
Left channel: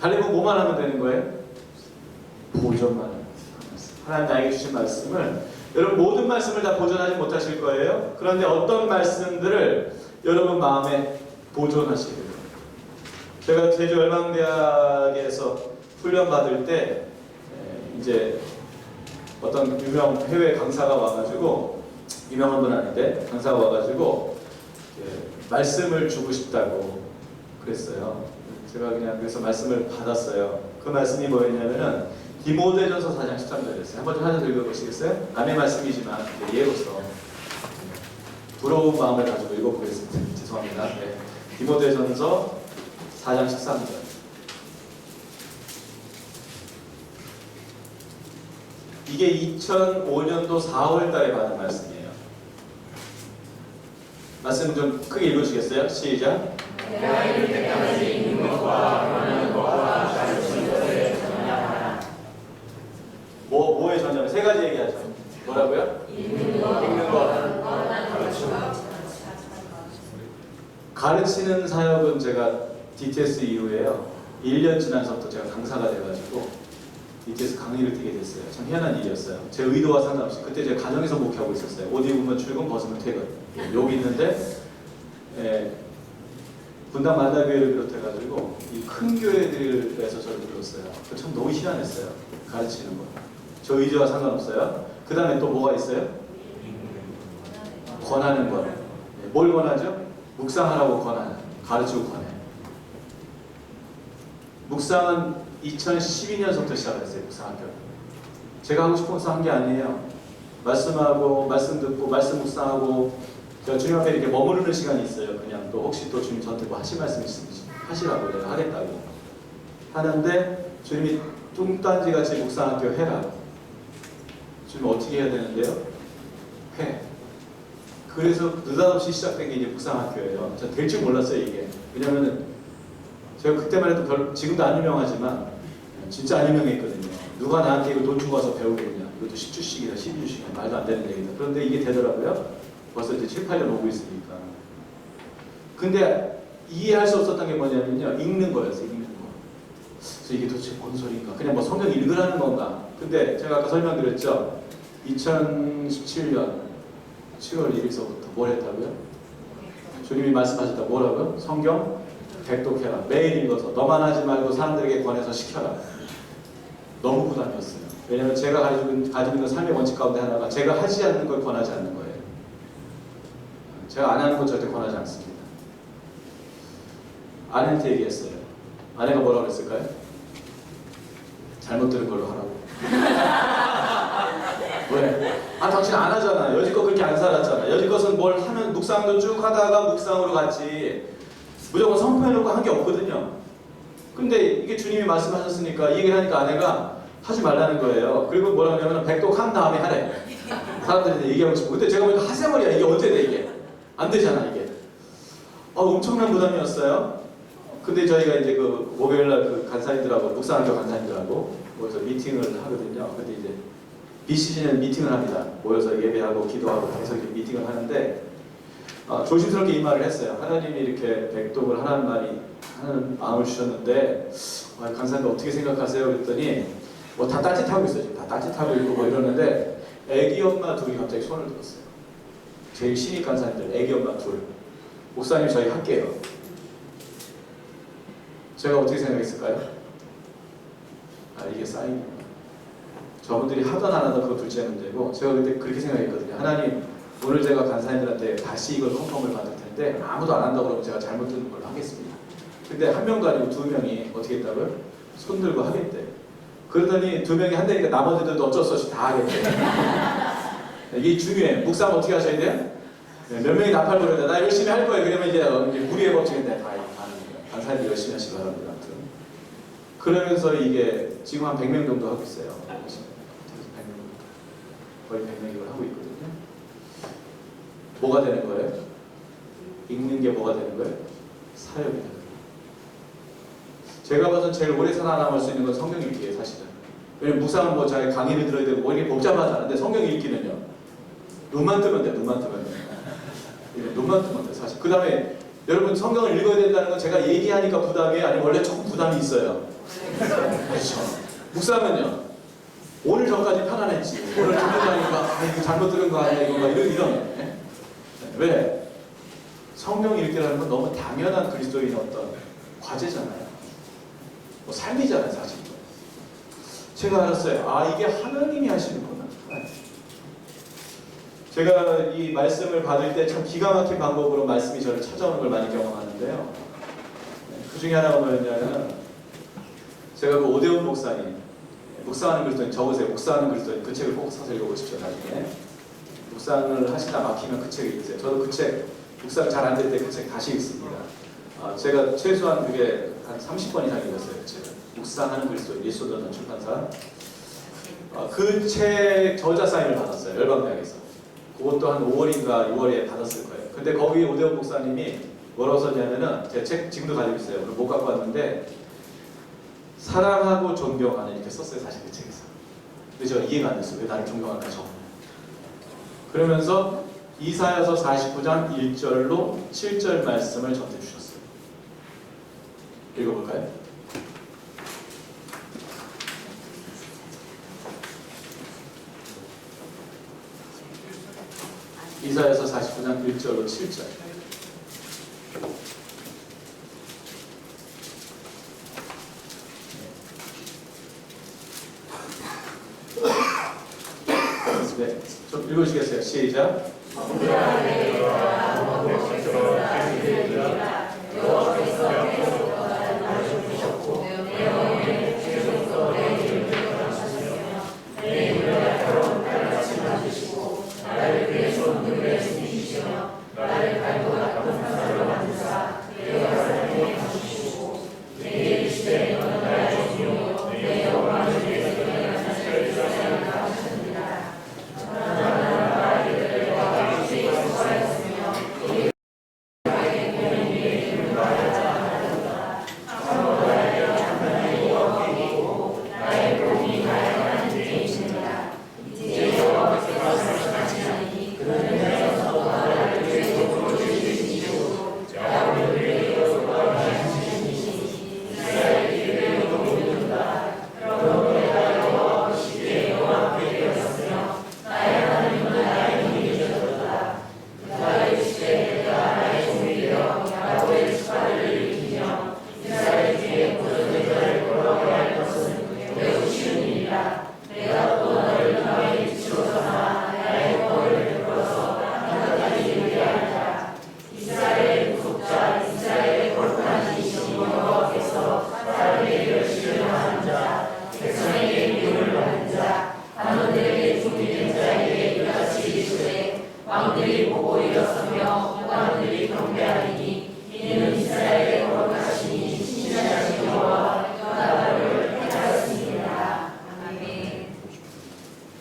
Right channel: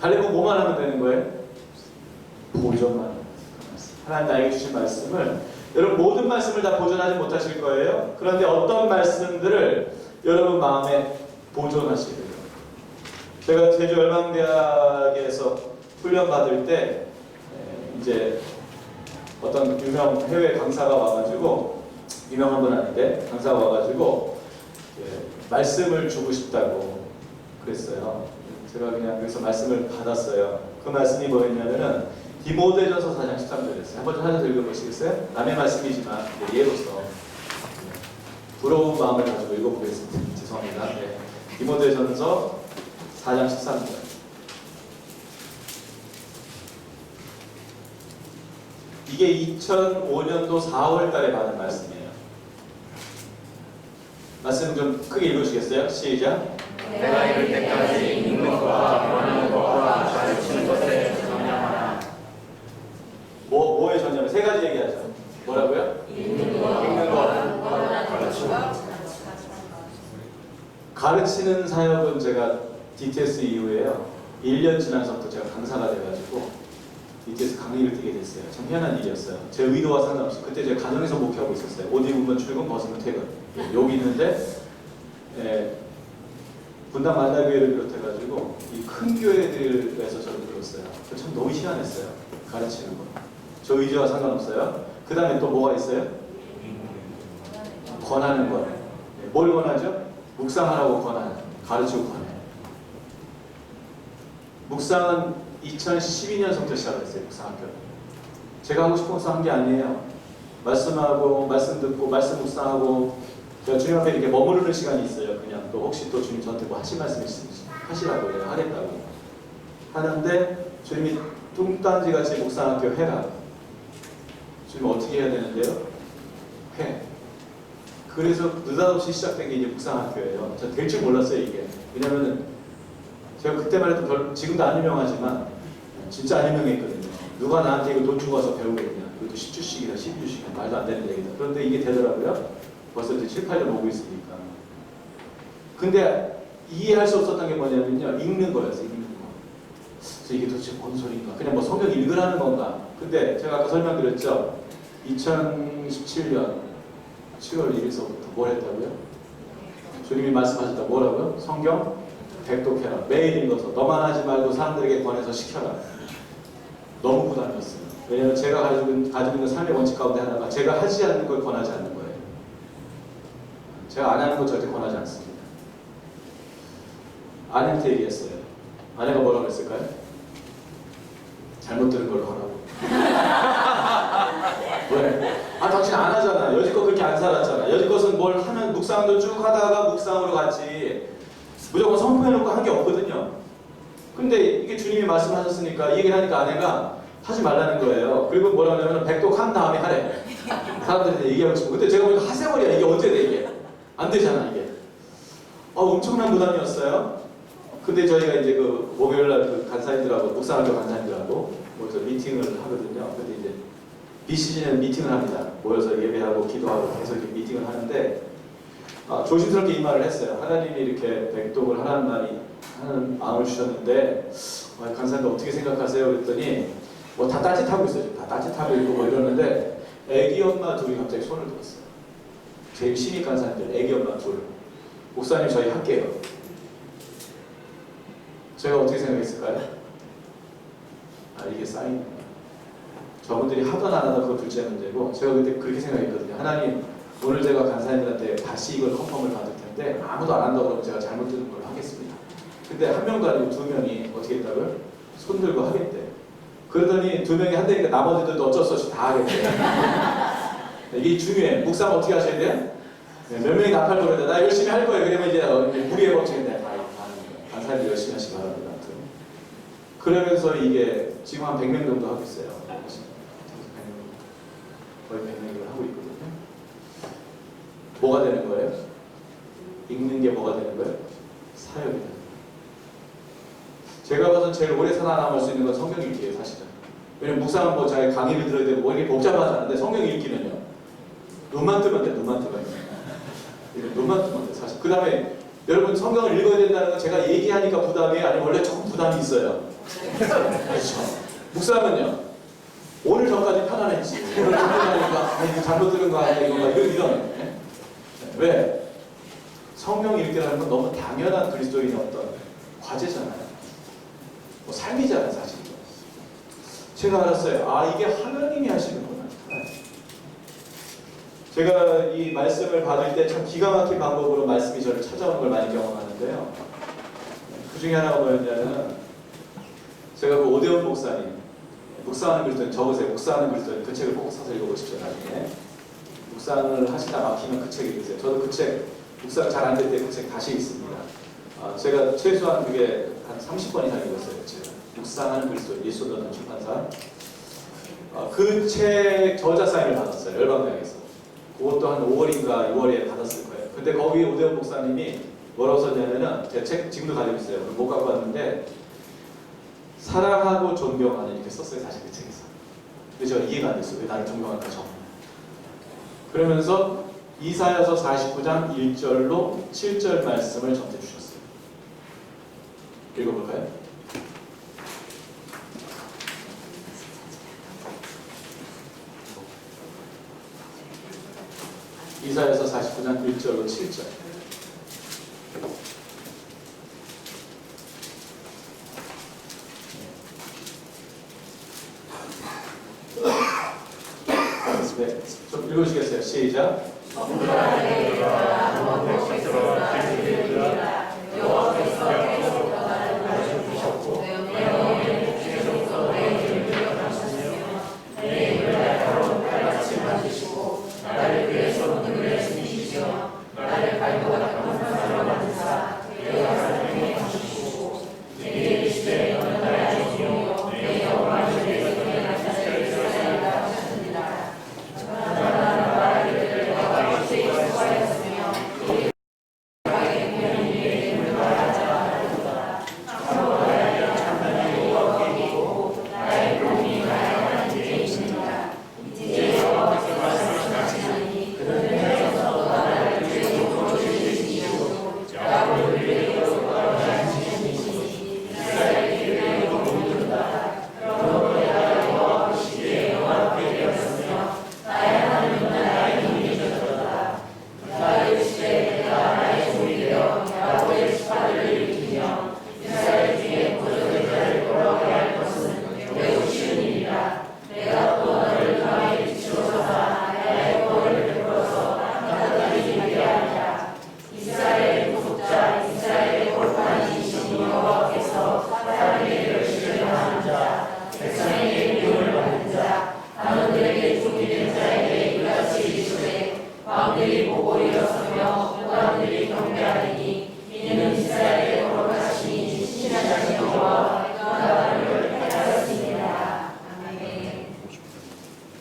갈렙은 뭐만 하면 되는 거예요? 보존만 하면 돼요. 하나님 나에게 주신 말씀을, 여러분 모든 말씀을 다 보존하지 못하실 거예요. 그런데 어떤 말씀들을 여러분 마음에 보존하시게 돼요. 제가 제주열방대학에서 훈련 받을 때 이제 어떤 유명 해외 강사가 와가지고, 유명한 분 아닌데 강사가 와가지고 말씀을 주고 싶다고 그랬어요. 제가 그냥 그래서 말씀을 받았어요. 그 말씀이 뭐였냐면은 디모데전서 4장 13절이었어요. 한번 좀 하나 읽어보시겠어요? 남의 말씀이지만 예로서 부러운 마음을 가지고 읽어보겠습니다. 죄송합니다. 네. 디모데전서 4장 13절. 이게 2005년도 4월 달에 받은 말씀이에요. 말씀 좀 크게 읽어주시겠어요? 시작. 내가 이를 때까지 읽는 것과 말하는 것과 가르치는 것에 전념하라. 뭐에 전념해? 세 가지 얘기하죠. 뭐라고요? 읽는 것, 가르치는 것. 가르치는 사역은 제가 DTS 이후에요, 1년 지나서부터 제가 강사가 돼가지고 DTS 강의를 뛰게 됐어요. 참 희한한 일이었어요. 제 의도와 상관없이 그때 제가 가정에서 목회하고 있었어요. 옷 입으면 출근, 벗으면 퇴근. 여기 있는데 분당 만나교회를 비롯해가지고 이 큰 교회들에서 저를 불렀어요. 그 참 너무 희한했어요. 가르치는 거. 저 의지와 상관없어요. 그 다음에 또 뭐가 있어요? 권하는 거. 뭘 권하죠? 묵상하라고 권하는, 가르치고 권해. 묵상은 2012년부터 시작을 했어요. 묵상학교. 제가 하고 싶어서 한 게 아니에요. 말씀하고, 말씀 듣고, 말씀 묵상하고, 제가 주님 앞에 이렇게 머무르는 시간이 있어요. 그냥 또 혹시 또 주님 저한테 뭐 하실 말씀 있으면 하시라고, 내가 하겠다고 하는데, 주님이 뚱딴지같이 묵상학교 해라. 주님 어떻게 해야 되는데요? 해. 그래서 느닷없이 시작된 게 이제 묵상학교예요. 저 될 줄 몰랐어요, 이게. 왜냐면은 제가 그때만 해도 지금도 안 유명하지만 진짜 안 유명했거든요. 누가 나한테 이거 돈 주고 와서 배우겠냐. 이것도 10주씩이나 12주씩이나 말도 안 되는 얘기다. 그런데 이게 되더라고요. 벌써 이제 7, 8년 오고 있으니까. 근데 이해할 수 없었던 게 뭐냐면요, 읽는 거였어요. 읽는 거. 그래서 이게 도대체 뭔 소리인가. 그냥 뭐 성경 읽으라는 건가. 근데 제가 아까 설명드렸죠. 2017년 7월 1일서부터 뭘 했다고요? 주님이 말씀하셨다. 뭐라고요? 성경 백독해라. 매일 읽어서 너만 하지 말고 사람들에게 권해서 시켜라. 너무 부담이었어요. 왜냐하면 제가 가지고 있는 삶의 원칙 가운데 하나가 제가 하지 않는 걸 권하지 않는 거예요. 제가 안 하는 거 절대 권하지 않습니다. 아내한테 얘기했어요. 아내가 뭐라고 했을까요? 잘못 들은 걸로 하라고. 왜? 아, 당신 안 하잖아. 여지껏 그렇게 안 살았잖아. 여지껏은 뭘 하면 묵상도 쭉 하다가 묵상으로 갔지. 무조건 선포해놓고 한 게 없거든요. 근데 이게 주님이 말씀하셨으니까 이 얘기를 하니까 아내가 하지 말라는 거예요. 그리고 뭐라고 하냐면 백독한 다음에 하래. 사람들이 얘기하고 싶고. 근데 제가 보니까 하세머리야. 이게 언제 돼 이게? 안 되잖아 이게. 엄청난 부담이었어요. 근데 저희가 이제 그 목요일날 그 간사님들하고 묵상학교 간사님들하고 모여서 미팅을 하거든요. 근데 이제 비시즌에는 미팅을 합니다. 모여서 예배하고 기도하고 계속 미팅을 하는데 조심스럽게 이 말을 했어요. 하나님이 이렇게 백독을 하는 마음을 주셨는데 간사님들 어떻게 생각하세요? 그랬더니 뭐 다 딴짓하고 있어요. 지금 다 딴짓하고 있고 뭐 이러는데 애기 엄마 둘이 갑자기 손을 들었어요. 제일 신입 간사님들 애기 엄마 둘. 목사님 저희 할게요. 제가 어떻게 생각했을까요? 이게 사인인가. 저분들이 하던 안 하던 그거 둘째 문제고, 제가 그때 그렇게 생각했거든요. 하나님, 오늘 제가 간사님들한테 다시 이걸 컨펌을 받을 텐데 아무도 안 한다고 그러면 제가 잘못 듣는 걸로 하겠습니다. 근데 한 명도 아니고 두 명이 어떻게 했다고요? 손 들고 하겠대. 그러더니 두 명이 한다니까 나머지들도 어쩔 수 없이 다 하겠대. 이게 중요해. 묵상 어떻게 하셔야 돼요? 네, 몇 명이 나팔 부르다 나 열심히 할 거예요. 그러면 이제 무리의 법칙인데 다 가는 거예요. 간사님이 열심히 하시기 바랍니다. 아무튼. 그러면서 이게 지금 한 100명 정도 하고 있어요. 100명, 거의 100명을 하고 있거든요. 뭐가 되는 거예요? 읽는 게 뭐가 되는 거예요? 사역이 되는 거예요. 제가 봐서 제일 오래 살아남을 수 있는 건 성경 읽기예요, 사실은. 왜냐면 묵상은 뭐 자기 강의를 들어야 되고 뭐 이게 복잡하지 않은데 성경 읽기는요. 눈만 뜨면 돼, 눈만 뜨면 돼. 눈만 뜨면 돼, 사실. 그 다음에 여러분 성경을 읽어야 된다는 건 제가 얘기하니까 부담이에요? 아니면 원래 조금 부담이 있어요? 그렇죠. 묵상은요. 오늘 전까지 편안했지. 오늘 전까지니까 이거 잘못 들은 거 아니야 이거 막 이런. 네? 왜? 성경 읽기라는 건 너무 당연한 그리스도인의 어떤 과제잖아요. 뭐 삶이잖아요, 사실. 제가 알았어요. 아, 이게 하나님이 하시는구나. 제가 이 말씀을 받을 때 참 기가 막힌 방법으로 말씀이 저를 찾아오는 걸 많이 경험하는데요. 그 중에 하나가 뭐였냐면 제가 그 오대훈 목사님 묵상하는 그리스도인 적으세요. 묵상하는 그리스도인 그 책을 꼭 사서 읽어보십시오. 나중에 묵상을 하시다 막히면 그 책 읽으세요. 저도 그 책 묵상 잘 안 될 때 그 책 다시 읽습니다. 제가 최소한 그게 한 30번 이상 읽었어요. 그 책을. 묵상하는 그리스도인 예수도는 출판사. 그 책 저자 사인을 받았어요. 열방대학에서. 그것도 한 5월인가 6월에 받았을 거예요. 근데 거기 오대훈 목사님이 뭐라고 썼냐면은 제 책 지금도 가지고 있어요. 오늘 못 갖고 왔는데 사랑하고 존경하는 이렇게 썼어요. 사실 그 책에서. 근데 제가 이해가 안 됐어요. 왜 나를 존경할까 적냐. 그러면서 이사야서 49장 1절로 7절 말씀을 전해 주셨어요. 읽어볼까요? 이사야서 49장 1절로 7절. 네, 좀 읽으시겠어요? 시작.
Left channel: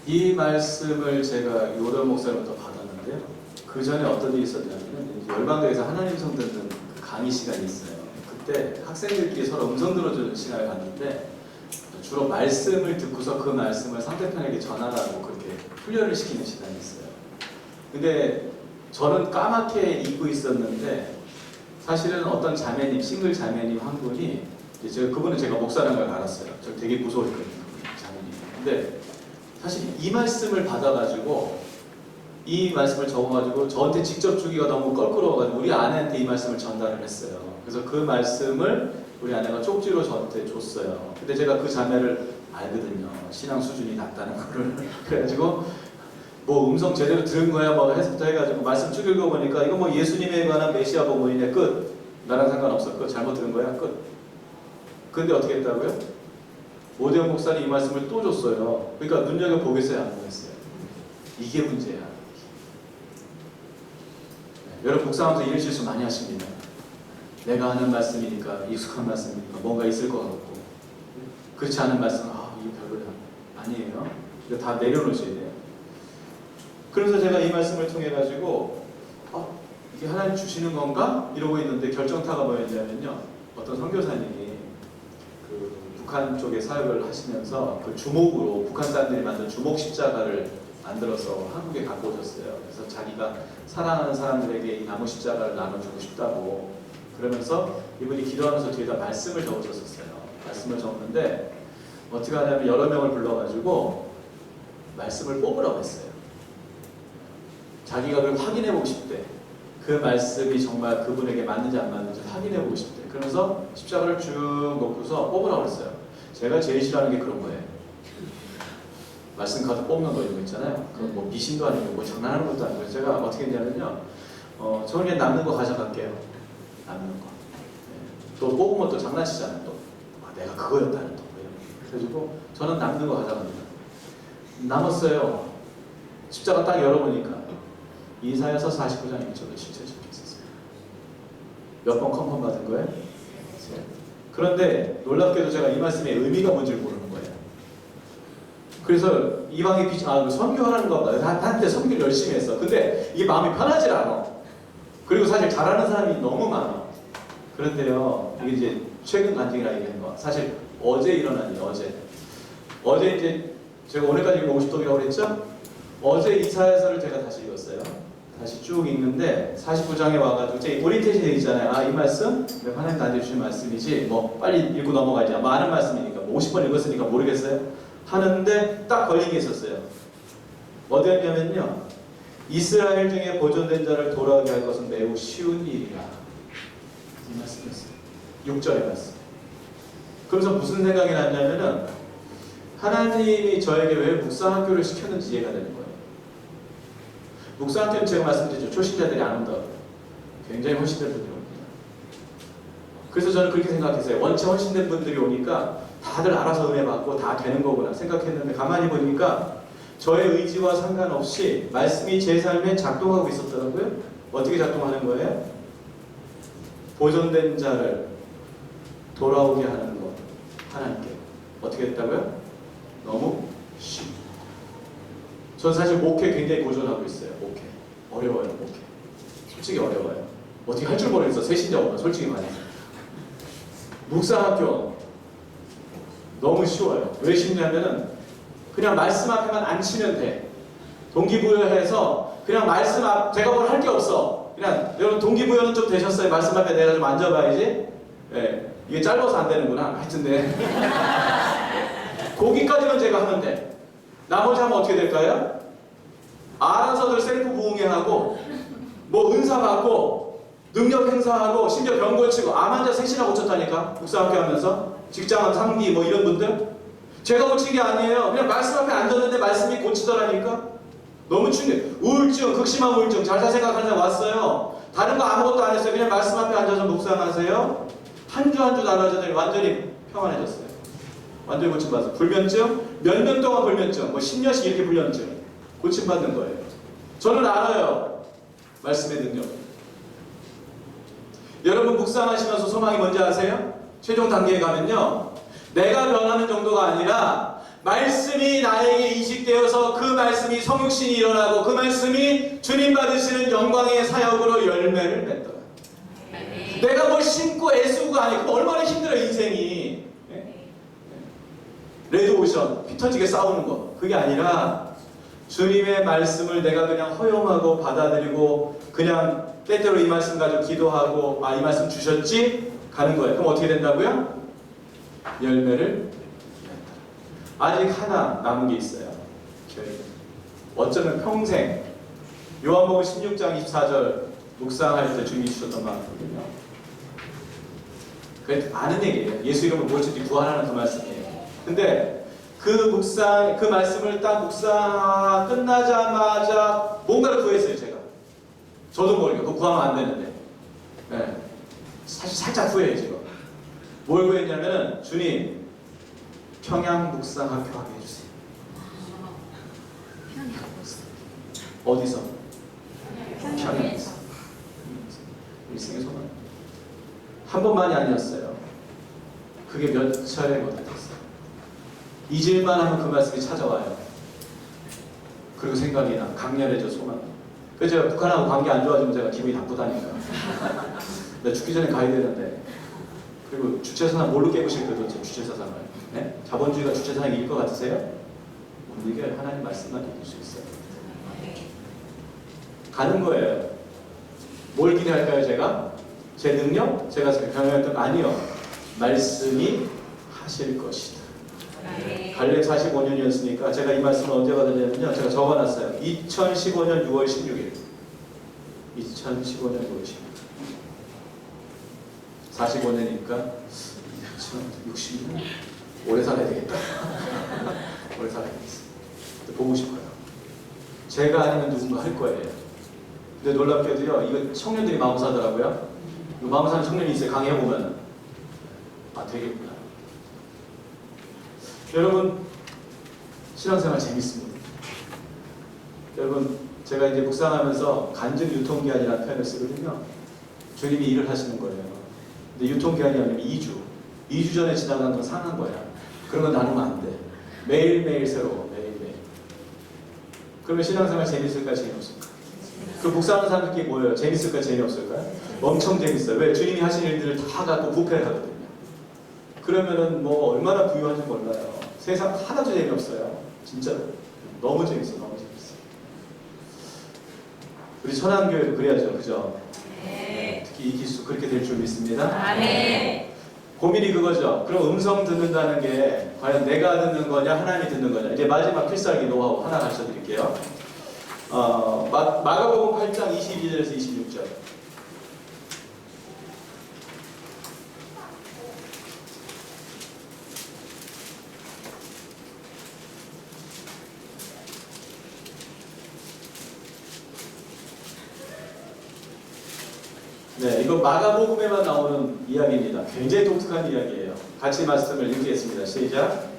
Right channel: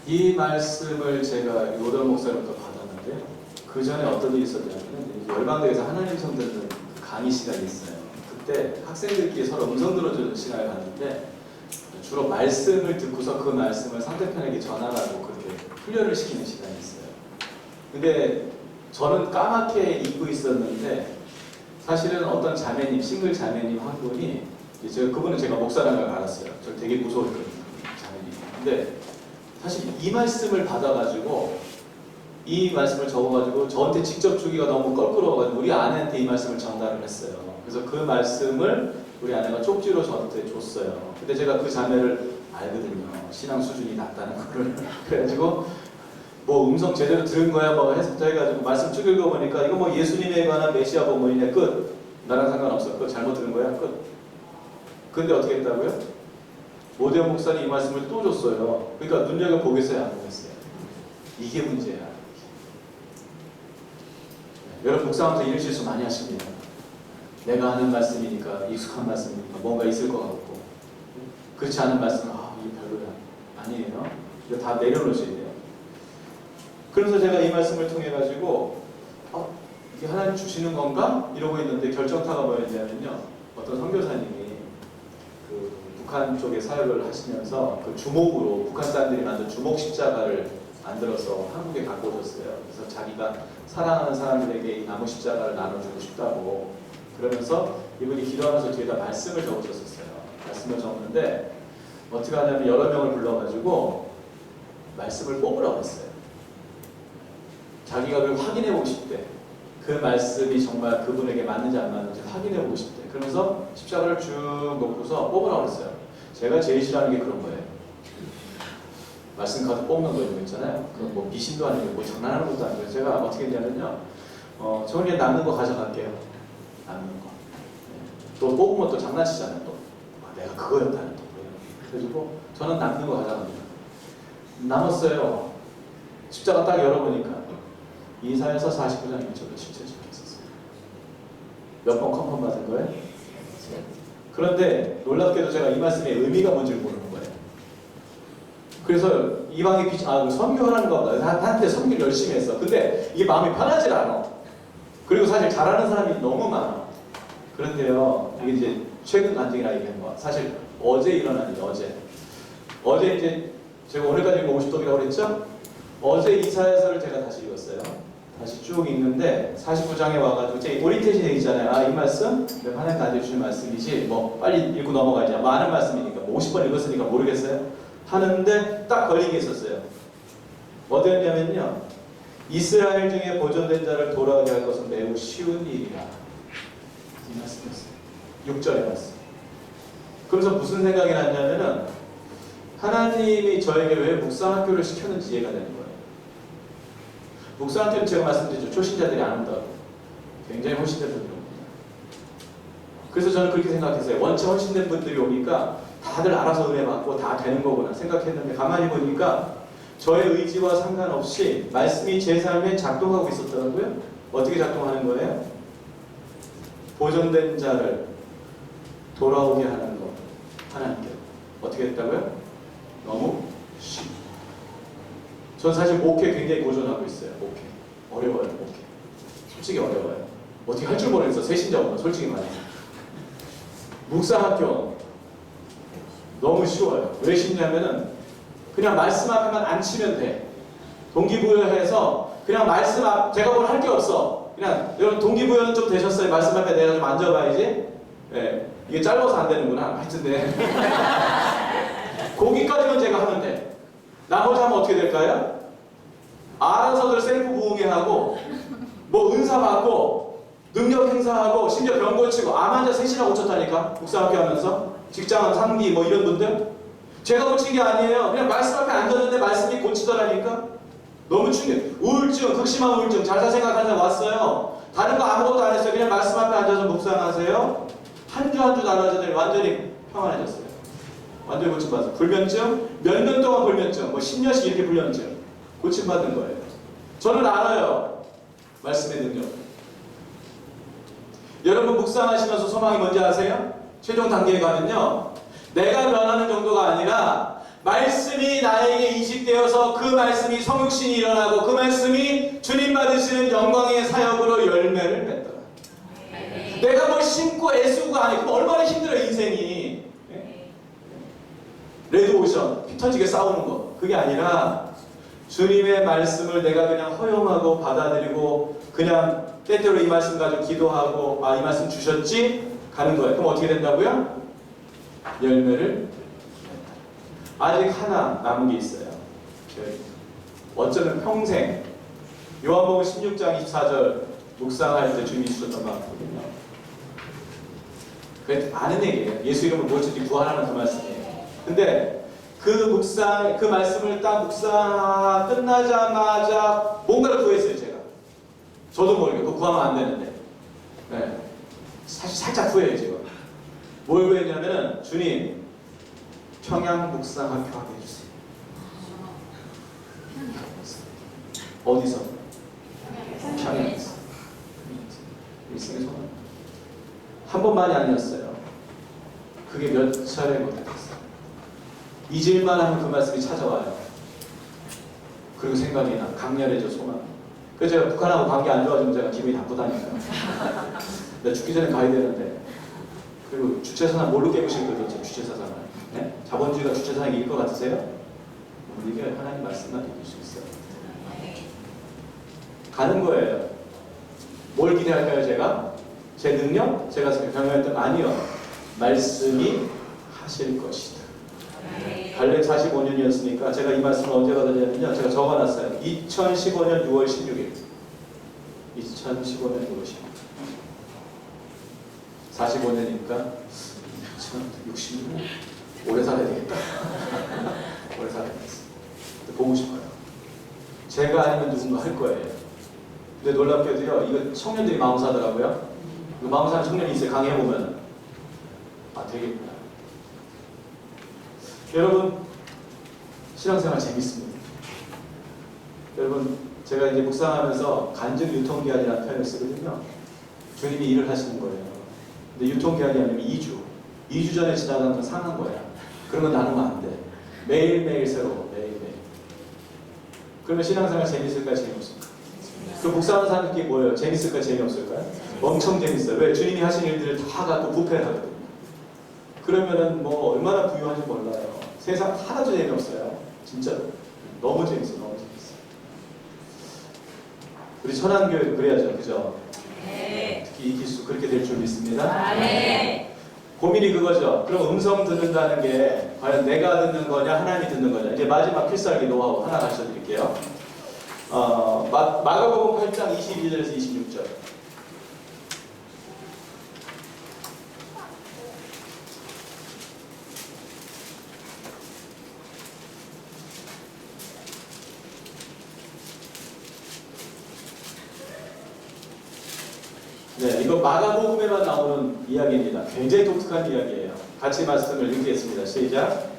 이 말씀을 제가 요단 목사님부터 받았는데요. 그 전에 어떤 일이 있었냐면 열방대에서 하나님 성 듣는 그 강의 시간이 있어요. 그때 학생들끼리 서로 음성 들어주는 시간을 갖는데 주로 말씀을 듣고서 그 말씀을 상대편에게 전하라고 그렇게 훈련을 시키는 시간이 있어요. 근데 저는 까맣게 잊고 있었는데 사실은 어떤 자매님, 싱글 자매님 한 분이 그분은 제가 목사라는 걸 알았어요. 저 되게 무서웠거든요. 자매님. 근데 사실 이 말씀을 받아가지고 이 말씀을 적어가지고 저한테 직접 주기가 너무 껄끄러워가지고 우리 아내한테 이 말씀을 전달을 했어요. 그래서 그 말씀을 우리 아내가 쪽지로 저한테 줬어요. 근데 제가 그 자매를 알거든요. 신앙 수준이 낮다는 거를. 그래가지고 뭐 음성 제대로 들은 거야 뭐 해서부터 해가지고 말씀 쭉 읽어보니까 이거 뭐 예수님에 관한 메시아 복음이네 끝. 나랑 상관없어. 끝. 잘못 들은 거야 끝. 근데 어떻게 했다고요? 오대훈 목사님 이 말씀을 또 줬어요. 그러니까 눈여겨보겠어요? 안 보겠어요? 이게 문제야. 네, 여러분 묵상하면서 이런 실수 많이 하십니다. 내가 하는 말씀이니까, 익숙한 말씀이니까 뭔가 있을 것 같고, 그렇지 않은 말씀은 이게 별로야. 아니에요. 이거 다 내려놓으셔야 돼요. 그래서 제가 이 말씀을 통해 가지고 이게 하나님 주시는 건가? 이러고 있는데 결정타가 뭐였냐면요. 어떤 선교사님이 그 북한 쪽에 사역을 하시면서 그 주목으로 북한 사람들이 만든 주목 십자가를 만들어서 한국에 갖고 오셨어요. 그래서 자기가 사랑하는 사람들에게 이 나무 십자가를 나눠주고 싶다고 그러면서 이분이 기도하면서 뒤에다 말씀을 적으셨었어요. 말씀을 적었는데 어떻게 하냐면 여러 명을 불러가지고 말씀을 뽑으라고 했어요. 자기가 그걸 확인해보고 싶대. 그 말씀이 정말 그분에게 맞는지 안 맞는지 확인해보고 싶대. 그러면서 십자가를 쭉 놓고서 뽑으라고 했어요. 제가 제일 싫어하는 게 그런 거예요. 말씀 카드 뽑는 거 이런 거 있잖아요. 그건 뭐 미신도 아니고 뭐 장난하는 것도 아니고 제가 어떻게 했냐면요. 저는 그냥 남는 거 가져갈게요. 남는 거. 네. 또 뽑으면 또 장난치잖아요. 또 내가 그거였다는 또 이런. 그래가지고 저는 남는 거 가져갑니다. 남았어요. 십자가 딱 열어보니까 이사야서 49장이 저도 진짜 적혀있었어요. 몇 번 컨펌 받은 거예요? 그런데 놀랍게도 제가 이 말씀의 의미가 뭔지 모르는 거예요. 그래서 이방의 선교하라는 거보다 나한테 선교를 열심히 했어. 근데 이게 마음이 편하질 않아. 그리고 사실 잘하는 사람이 너무 많아. 그런데요, 이게 이제 최근 간증이라 얘기한 거. 사실 어제 일어난 일, 어제 이제 제가 오늘까지 50독이라고 그랬죠? 어제 이사야서를 제가 다시 읽었어요. 다시 쭉 읽는데 49장에 와가지고 제 오리엔테이션 있잖아요. 이 말씀 하나님 나한테 주신 말씀이지 뭐 빨리 읽고 넘어가지. 많은 말씀이니까 뭐 50번 읽었으니까 모르겠어요. 하는데 딱 걸린 게 있었어요. 어디였냐면요. 이스라엘 중에 보존된 자를 돌아오게 할 것은 매우 쉬운 일이라. 이 말씀이었어요. 6절의 말씀. 그래서 무슨 생각이 났냐면은 하나님이 저에게 왜 묵상학교를 시켰는지 이해가 되는 거예요. 묵상학교는 제가 말씀드렸죠. 초신자들이 안 온다고. 굉장히 헌신된 분들이 옵니다. 그래서 저는 그렇게 생각했어요. 원체 헌신된 분들이 오니까 다들 알아서 은혜 받고 다 되는 거구나 생각했는데 가만히 보니까 저의 의지와 상관없이 말씀이 제 삶에 작동하고 있었더라고요. 어떻게 작동하는 거예요? 보존된 자를 돌아오게 하는 거. 하나님께. 어떻게 했다고요? 너무 쉽. 전 사실 목회 굉장히 고전하고 있어요. 목회. 어려워요, 목회. 솔직히 어려워요. 어떻게 할 줄 모르겠어. 새신자 오면 솔직히 말해. 묵상학교 너무 쉬워요. 왜 쉽냐면은 그냥 말씀 앞에만 앉히면 돼. 동기부여해서 그냥 말씀 앞 제가 뭘 할 게 없어. 그냥 여러분 동기부여는 좀 되셨어요? 말씀 앞에 내가 좀 앉아봐야지. 네. 이게 짧아서 안 되는구나. 하여튼네. 거기까지만 제가 하면 돼. 나머지 하면 어떻게 될까요? 알아서들 셀프 부흥회하고 뭐 은사 받고 능력 행사하고 심지어 병 고치고 암 환자 셋이나 고쳤다니까. 묵상학교 하면서 직장은 상비 뭐 이런 분들 제가 고친 게 아니에요. 그냥 말씀 앞에 앉았는데 말씀이 고치더라니까. 너무 충격. 우울증, 극심한 우울증 잘 살 생각하는 사람 왔어요. 다른 거 아무것도 안 했어요. 그냥 말씀 앞에 앉아서 묵상하세요. 한 주 한 주 달라지더니 완전히 평안해졌어요. 완전히 고침받았어요. 불면증, 몇 년 동안 불면증, 뭐 10년씩 이렇게 불면증 고침받는 거예요. 저는 알아요. 말씀의 능력. 여러분 묵상하시면서 소망이 뭔지 아세요? 최종 단계에 가면요. 내가 변하는 정도가 아니라 말씀이 나에게 인식되어서 그 말씀이 성육신이 일어나고 그 말씀이 주님 받으시는 영광의 사역으로 열매를 맺더라. 내가 뭘 심고 애쓰고가 아니고 그럼 얼마나 힘들어 인생이. 레드오션 피 터지게 싸우는 거 그게 아니라 주님의 말씀을 내가 그냥 허용하고 받아들이고 그냥 때때로 이 말씀 가지고 기도하고 이 말씀 주셨지? 가는 거예요. 그럼 어떻게 된다고요? 열매를 맺다. 아직 하나 남은 게 있어요. 어쩌면 평생 요한복음 16장 24절 묵상할 때 주님이 주셨던 말이거든요. 그게 아는 얘기예요. 예수 이름으로 무엇이든지 구하라는 그 말씀이에요. 근데 그 묵상, 그 말씀을 딱 묵상 끝나자마자 뭔가를 구했어요, 제가. 저도 모르게. 그거 구하면 안 되는데. 네. 사실 살짝 후회해요, 지금. 뭘 구했냐면은, 주님, 평양 묵상학교 하게 해주세요. 어디서? 평양에서. 일생의 소망. 한 번만이 아니었어요. 그게 몇 차례 못했어요. 잊을만 하면 그 말씀이 찾아와요. 그리고 생각이 나. 강렬해져 소망. 그래서 제가 북한하고 관계 안 좋아지면 제가 기분이 나쁘다니까요. 내가 죽기 전에 가야 되는데. 그리고 주체사상 뭘로 깨우실 거예요? 도대체 주체사상을. 네? 자본주의가 주체사상이 이길 것 같으세요? 못 이겨요. 하나님 말씀만 이길 수 있어요. 가는 거예요. 뭘 기대할까요, 제가? 제 능력? 제가 경험했던 거 아니요. 말씀이 하실 것이다. 갈렙 45년이었으니까 제가 이 말씀을 언제 받았냐면요. 제가 적어놨어요. 2015년 6월 16일. 2015년 6월 16일. 45년이니까 2060년? 오래 살아야 되겠다. 오래 살아야겠어. 보고 싶어요. 제가 아니면 누군가 할 거예요. 근데 놀랍게도요, 이거 청년들이 마음 사더라고요. 이거 마음 사는 청년이 있어요. 강의해보면. 아, 되겠구나. 여러분, 신앙생활 재밌습니다. 여러분, 제가 이제 묵상하면서 간증 유통기한이라는 표현을 쓰거든요. 주님이 일을 하시는 거예요. 근데 유통기한이 아니면 2주. 2주 전에 지나간 건 상한 거야. 그런 건 나누면 안 돼. 매일매일 새로워. 매일매일. 그러면 신앙생활 재밌을까, 재미없을까? 그 묵상하는 사람들끼리 뭐예요? 재밌을까, 재미없을까요? 엄청 재밌어요. 왜? 주님이 하신 일들을 다 갖고 부패를 하거든요. 그러면은 뭐 얼마나 부유한지 몰라요. 세상 하나도 재미없어요. 진짜 너무 재밌어, 너무 재밌어. 우리 천안교회도 그래야죠, 그죠? 네. 특히 이 기수 그렇게 될 줄 믿습니다. 아멘. 고민이 그거죠. 그럼 음성 듣는다는 게 과연 내가 듣는 거냐, 하나님이 듣는 거냐. 이제 마지막 필살기 노하우 하나 가르쳐 드릴게요. 마가복음 8장 22절에서 26절. 네, 이거 마가복음에만 나오는 이야기입니다. 굉장히 독특한 이야기예요. 같이 말씀을 읽겠습니다. 시작.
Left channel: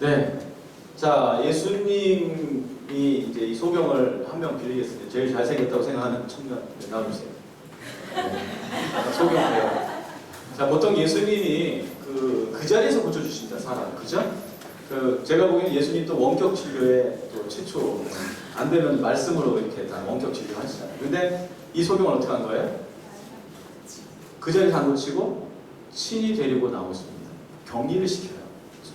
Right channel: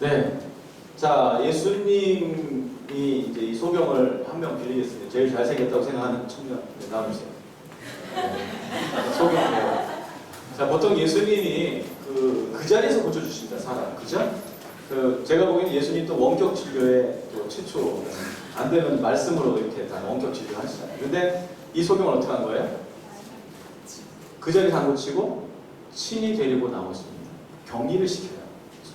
네. 자, 예수님이 이제 이 소경을 한 명 빌리겠습니다. 제일 잘생겼다고 생각하는 청년. 네, 나와주세요. 소경이에요. 자, 보통 예수님이 그 자리에서 고쳐주십니다, 사람. 그죠? 제가 보기에는 예수님 또 원격 진료에 또 최초, 안 되면 말씀으로 이렇게 다 원격 진료 하시잖아요. 근데 이 소경을 어떻게 한 거예요? 그 자리에서 안 고치고 친히 데리고 나오십니다. 격리를 시켜요.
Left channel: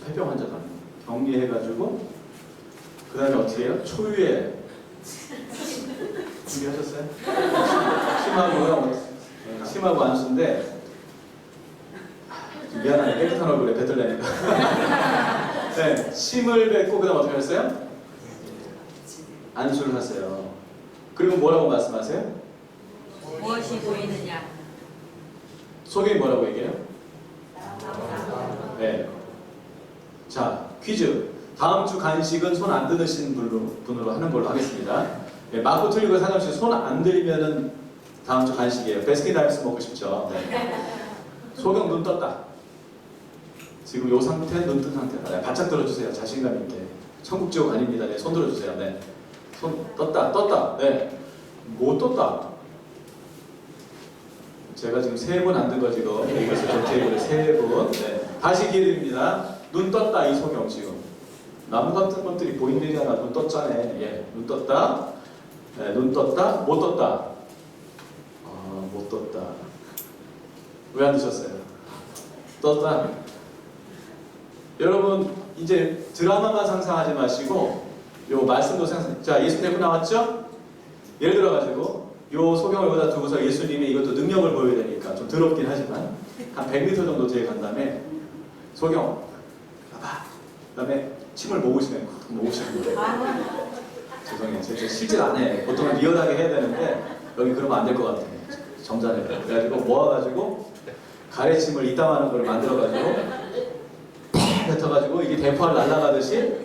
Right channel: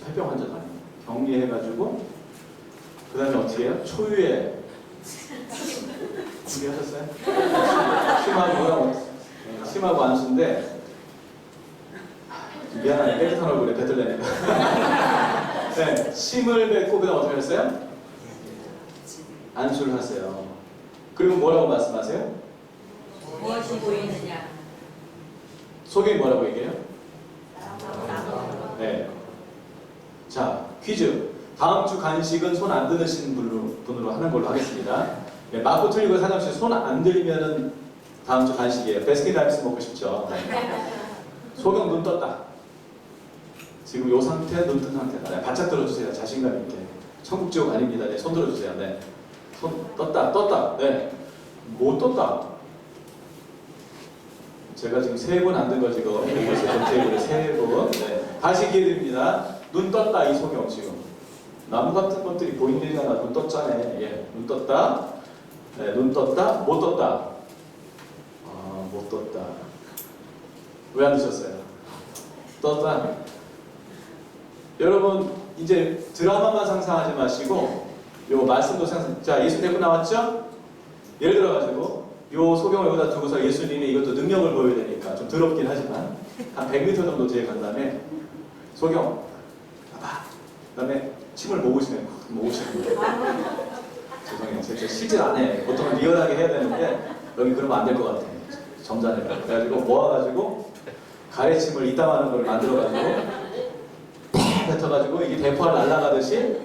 폐병 환자도 아니고. 격리해가지고 그 다음에 어떻게 해요? 초유에 준비하셨어요? 침하고 안수인데 미안하네. 깨끗한 얼굴에 뱉으려니까. 네, 침을 뱉고 그 다음 어떻게 하셨어요? 안수를 하세요. 그리고 뭐라고 말씀하세요? 무엇이 보이느냐? 소경이 뭐라고 얘기해요? 네. 자, 퀴즈. 다음 주 간식은 손 안 드시는 분으로 하는 걸로 하겠습니다. 네, 맞고 틀리고 상관없이 손 안 들면은 다음 주 간식이에요. 베스킨라빈스 먹고 싶죠? 네. 소경 눈 떴다. 지금 요 상태, 눈 뜬 상태다. 네, 바짝 들어주세요. 자신감 있게. 천국 지옥 아닙니다. 네, 손 들어주세요. 네. 손 떴다. 네. 못 떴다. 제가 지금 3번 안 든 거 지금 벌써 저 테이블에 3번. 네. 다시 기회 드립니다. 눈 떴다. 이 소경 지금. 나무 같은 것들이 보인들이잖아. 눈 떴잖아. 예. 눈 떴다. 네, 눈 떴다. 못 떴다. 아, 못 떴다. 왜 안 드셨어요? 떴다. 여러분 이제 드라마만 상상하지 마시고 요 말씀도 상상. 자, 예수 데리고 나왔죠? 예를 들어가지고 요 소경을 여기다 두고서 예수님이 이것도 능력을 보여야 되니까 좀 더럽긴 하지만 한 100m 정도 뒤에 간 다음에 소경 그다음에 침을 모으시는 거예요. 죄송해요. 제가 실제 안 해. 보통은 리얼하게 해야 되는데 여기 그러면 안 될 것 같아. 점잖아요. 그래가지고 모아가지고 가래침을 이따만한 걸 만들어가지고 팍 뱉어가지고 이게 대포가 날아가듯이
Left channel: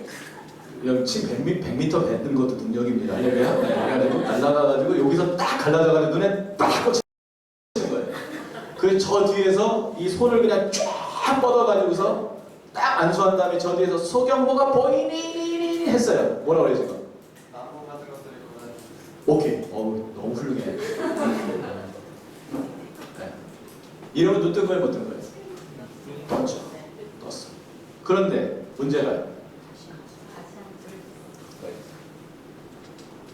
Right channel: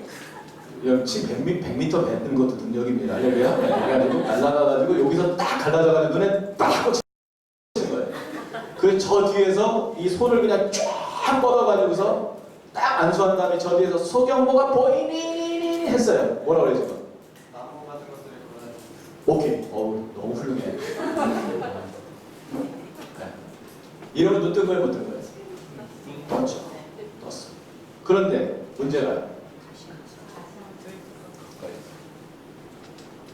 여기 침 100m 뱉는 것도 능력입니다. 알려줘요? 그래가지고 날아가가지고 여기서 딱 갈라져가지고 눈에 딱 꽂히는 거예요. 그래서 저 뒤에서 이 손을 그냥 쫙 뻗어가지고서 딱 안수한 다음에 저 뒤에서 소경모가 보이니 했어요. 뭐라 그래 지금? 나무가 들었을 거예요. 오케이. 너무 훌륭해. 네. 이러면 눈 뜬 거예요, 못 뜬 거예요? 떴죠. 떴어. 그런데 문제가요.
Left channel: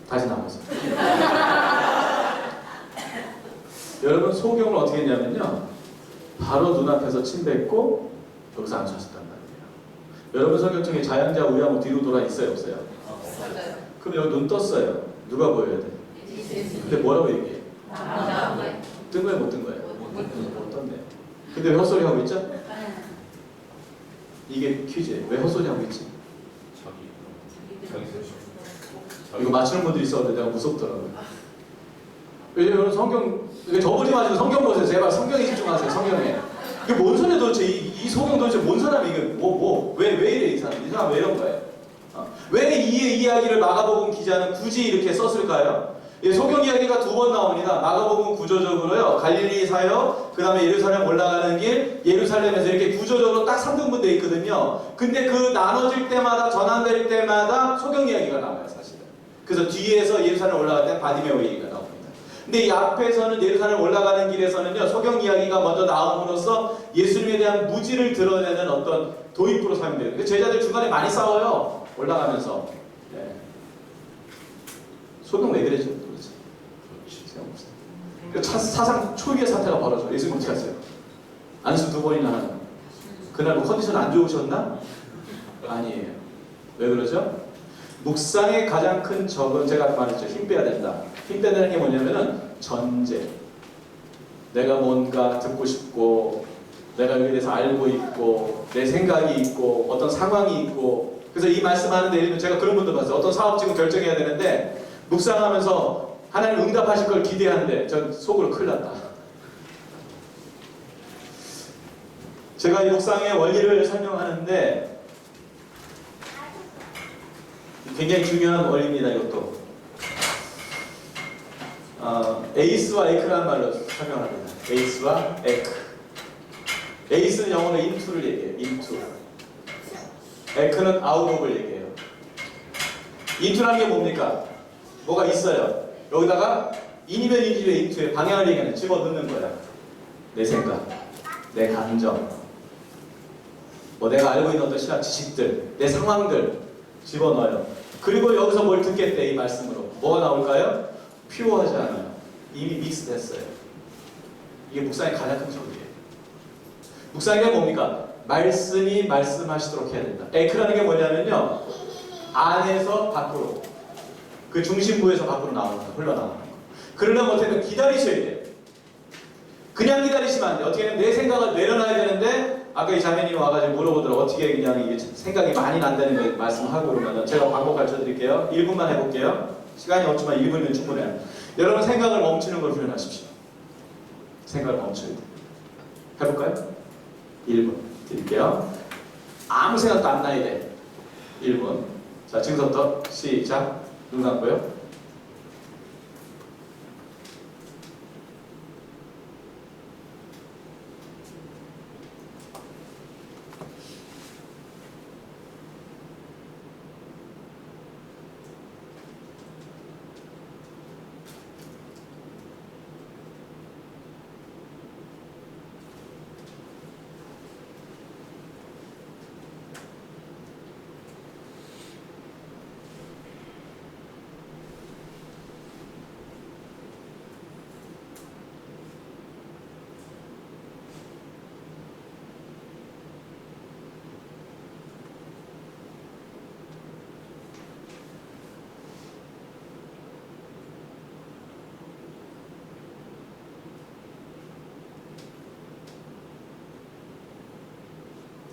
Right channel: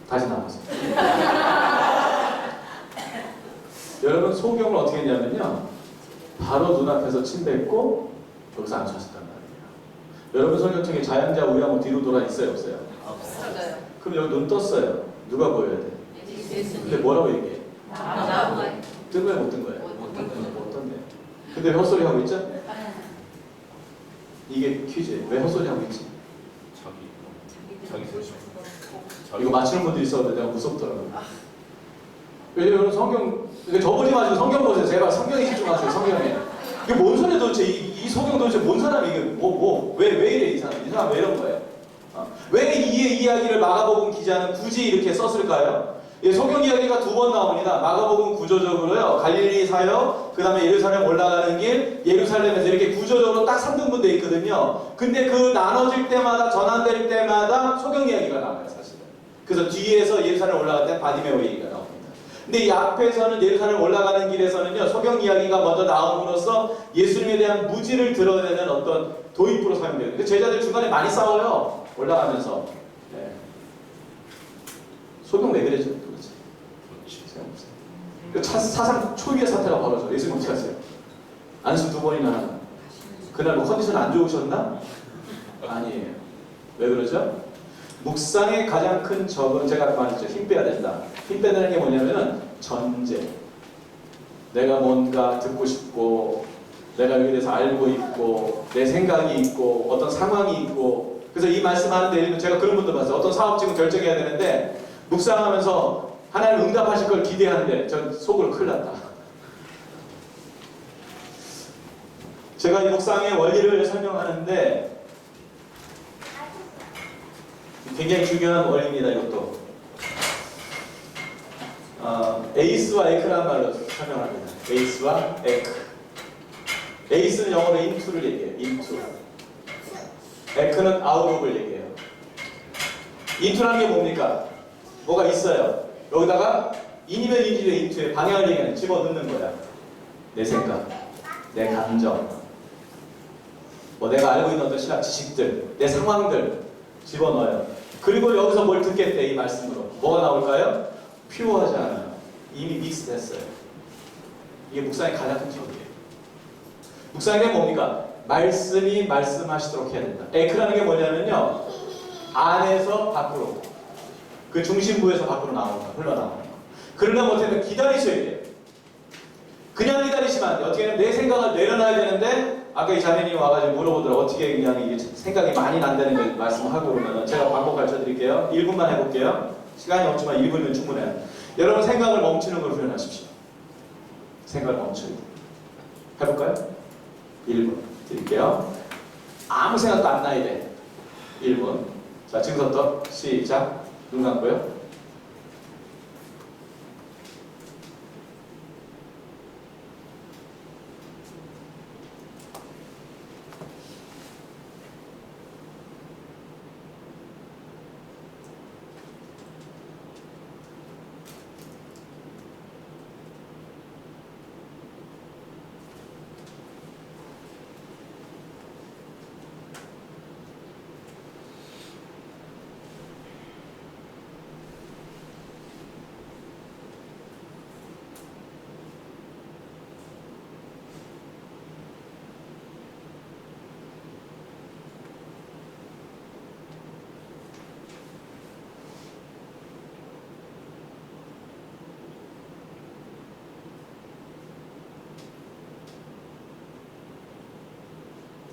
다시 나와서. 여러분 소경을 어떻게 했냐면요. 바로 눈앞에서 침 뱉고 여기서 안수하셨단 말이에요. 여러분 성경책에 자양자 우양우 뒤로 돌아 있어요, 없어요? 없어요. 그럼 여기 눈 떴어요. 누가 보여야 돼? 근데 뭐라고 얘기해? 뜬 거예요, 못 뜬 거예요? 못 떴네. 근데 왜 헛소리 하고 있죠? 이게 퀴즈예요. 왜 헛소리 하고 있지? 이거 맞추는 분들이 있었는데 내가 무섭더라고요. 왜냐면 성경, 이거 저보지 마시고 성경 보세요. 제발 성경에 집중하세요. 성경에. 이게 뭔 소리야 도대체? 이 소경 도대체 뭔 사람이 이게 왜 이래 이 사람? 이 사람 왜 이런 거예요? 왜 이 이야기를 마가복음 기자는 굳이 이렇게 썼을까요? 예, 소경 이야기가 두 번 나옵니다. 마가복음 구조적으로요. 갈릴리 사역, 그 다음에 예루살렘 올라가는 길, 예루살렘에서 이렇게 구조적으로 딱 3등분 돼 있거든요. 근데 그 나눠질 때마다, 전환될 때마다 소경 이야기가 나와요, 사실은. 그래서 뒤에서 예루살렘 올라갈 때 바디메오 얘기가 나옵니다. 근데 이 앞에서는 예루살렘 올라가는 길에서는요, 소경 이야기가 먼저 나옴으로써 예수님에 대한 무지를 드러내는 어떤 도입부로 사용돼요. 근데 제자들 중간에 많이 싸워요. 올라가면서. 네. 소경 왜 그랬죠? 도대체. 없어요. 사상 초유의 사태가 벌어져. 예수님 어떻게 하세요? 안수 2번이나 하나. 그날 뭐 컨디션 안 좋으셨나? 아니에요. 왜 그러죠? 묵상의 가장 큰 적은 제가 아까 말했죠. 힘 빼야 된다. 힘 빼는 게 뭐냐면은 전제. 내가 뭔가 듣고 싶고 내가 여기에 대해서 알고 있고 내 생각이 있고 어떤 상황이 있고 그래서 이 말씀하는데 예를 들면 제가 그런 분들 봤어요. 어떤 사업 지금 결정해야 되는데 묵상하면서 하나님 응답하실 걸 기대하는데 전 속으로 큰일 났다. 제가 이 묵상의 원리를 설명하는데 굉장히 중요한 원리입니다. 이것도 에이스와 에크라는 말로 설명합니다. 에이스와 에크. 에이스는 영어로 into를 얘기해요. into. 에크는 out of를 얘기해요. into라는 게 뭡니까? 뭐가 있어요. 여기다가 in이면 in이면 into에 방향을 얘기하는 집어넣는 거야. 내 생각, 내 감정, 뭐 내가 알고 있는 어떤 신학 지식들, 내 상황들 집어넣어요. 그리고 여기서 뭘 듣겠대 이 말씀으로. 뭐가 나올까요? 퓨어하지 않아요. 이미 믹스됐어요. 이게 묵상의 가장 큰 적이에요. 묵상이 뭡니까? 말씀이 말씀하시도록 해야 된다. 에크라는 게 뭐냐면요. 안에서 밖으로. 그 중심부에서 밖으로 나오는 거, 흘러나오는 거. 그러려면 못하면 기다리셔야 돼요. 그냥 기다리시면 안 돼요. 어떻게 하면 내 생각을 내려놔야 되는데 아까 이 자매님이 와가지고 물어보더라고요. 어떻게 그냥 이게 생각이 많이 난다는 걸 말씀하고 그러면 제가 방법 가르쳐 드릴게요. 1분만 해볼게요. 시간이 없지만 1분이면 충분해요. 여러분 생각을 멈추는 걸 훈련하십시오. 생각을 멈춰야 돼요. 해볼까요? 1분 드릴게요. 아무 생각도 안 나야 돼. 1분. 자, 지금부터 시작. 눈 감고요.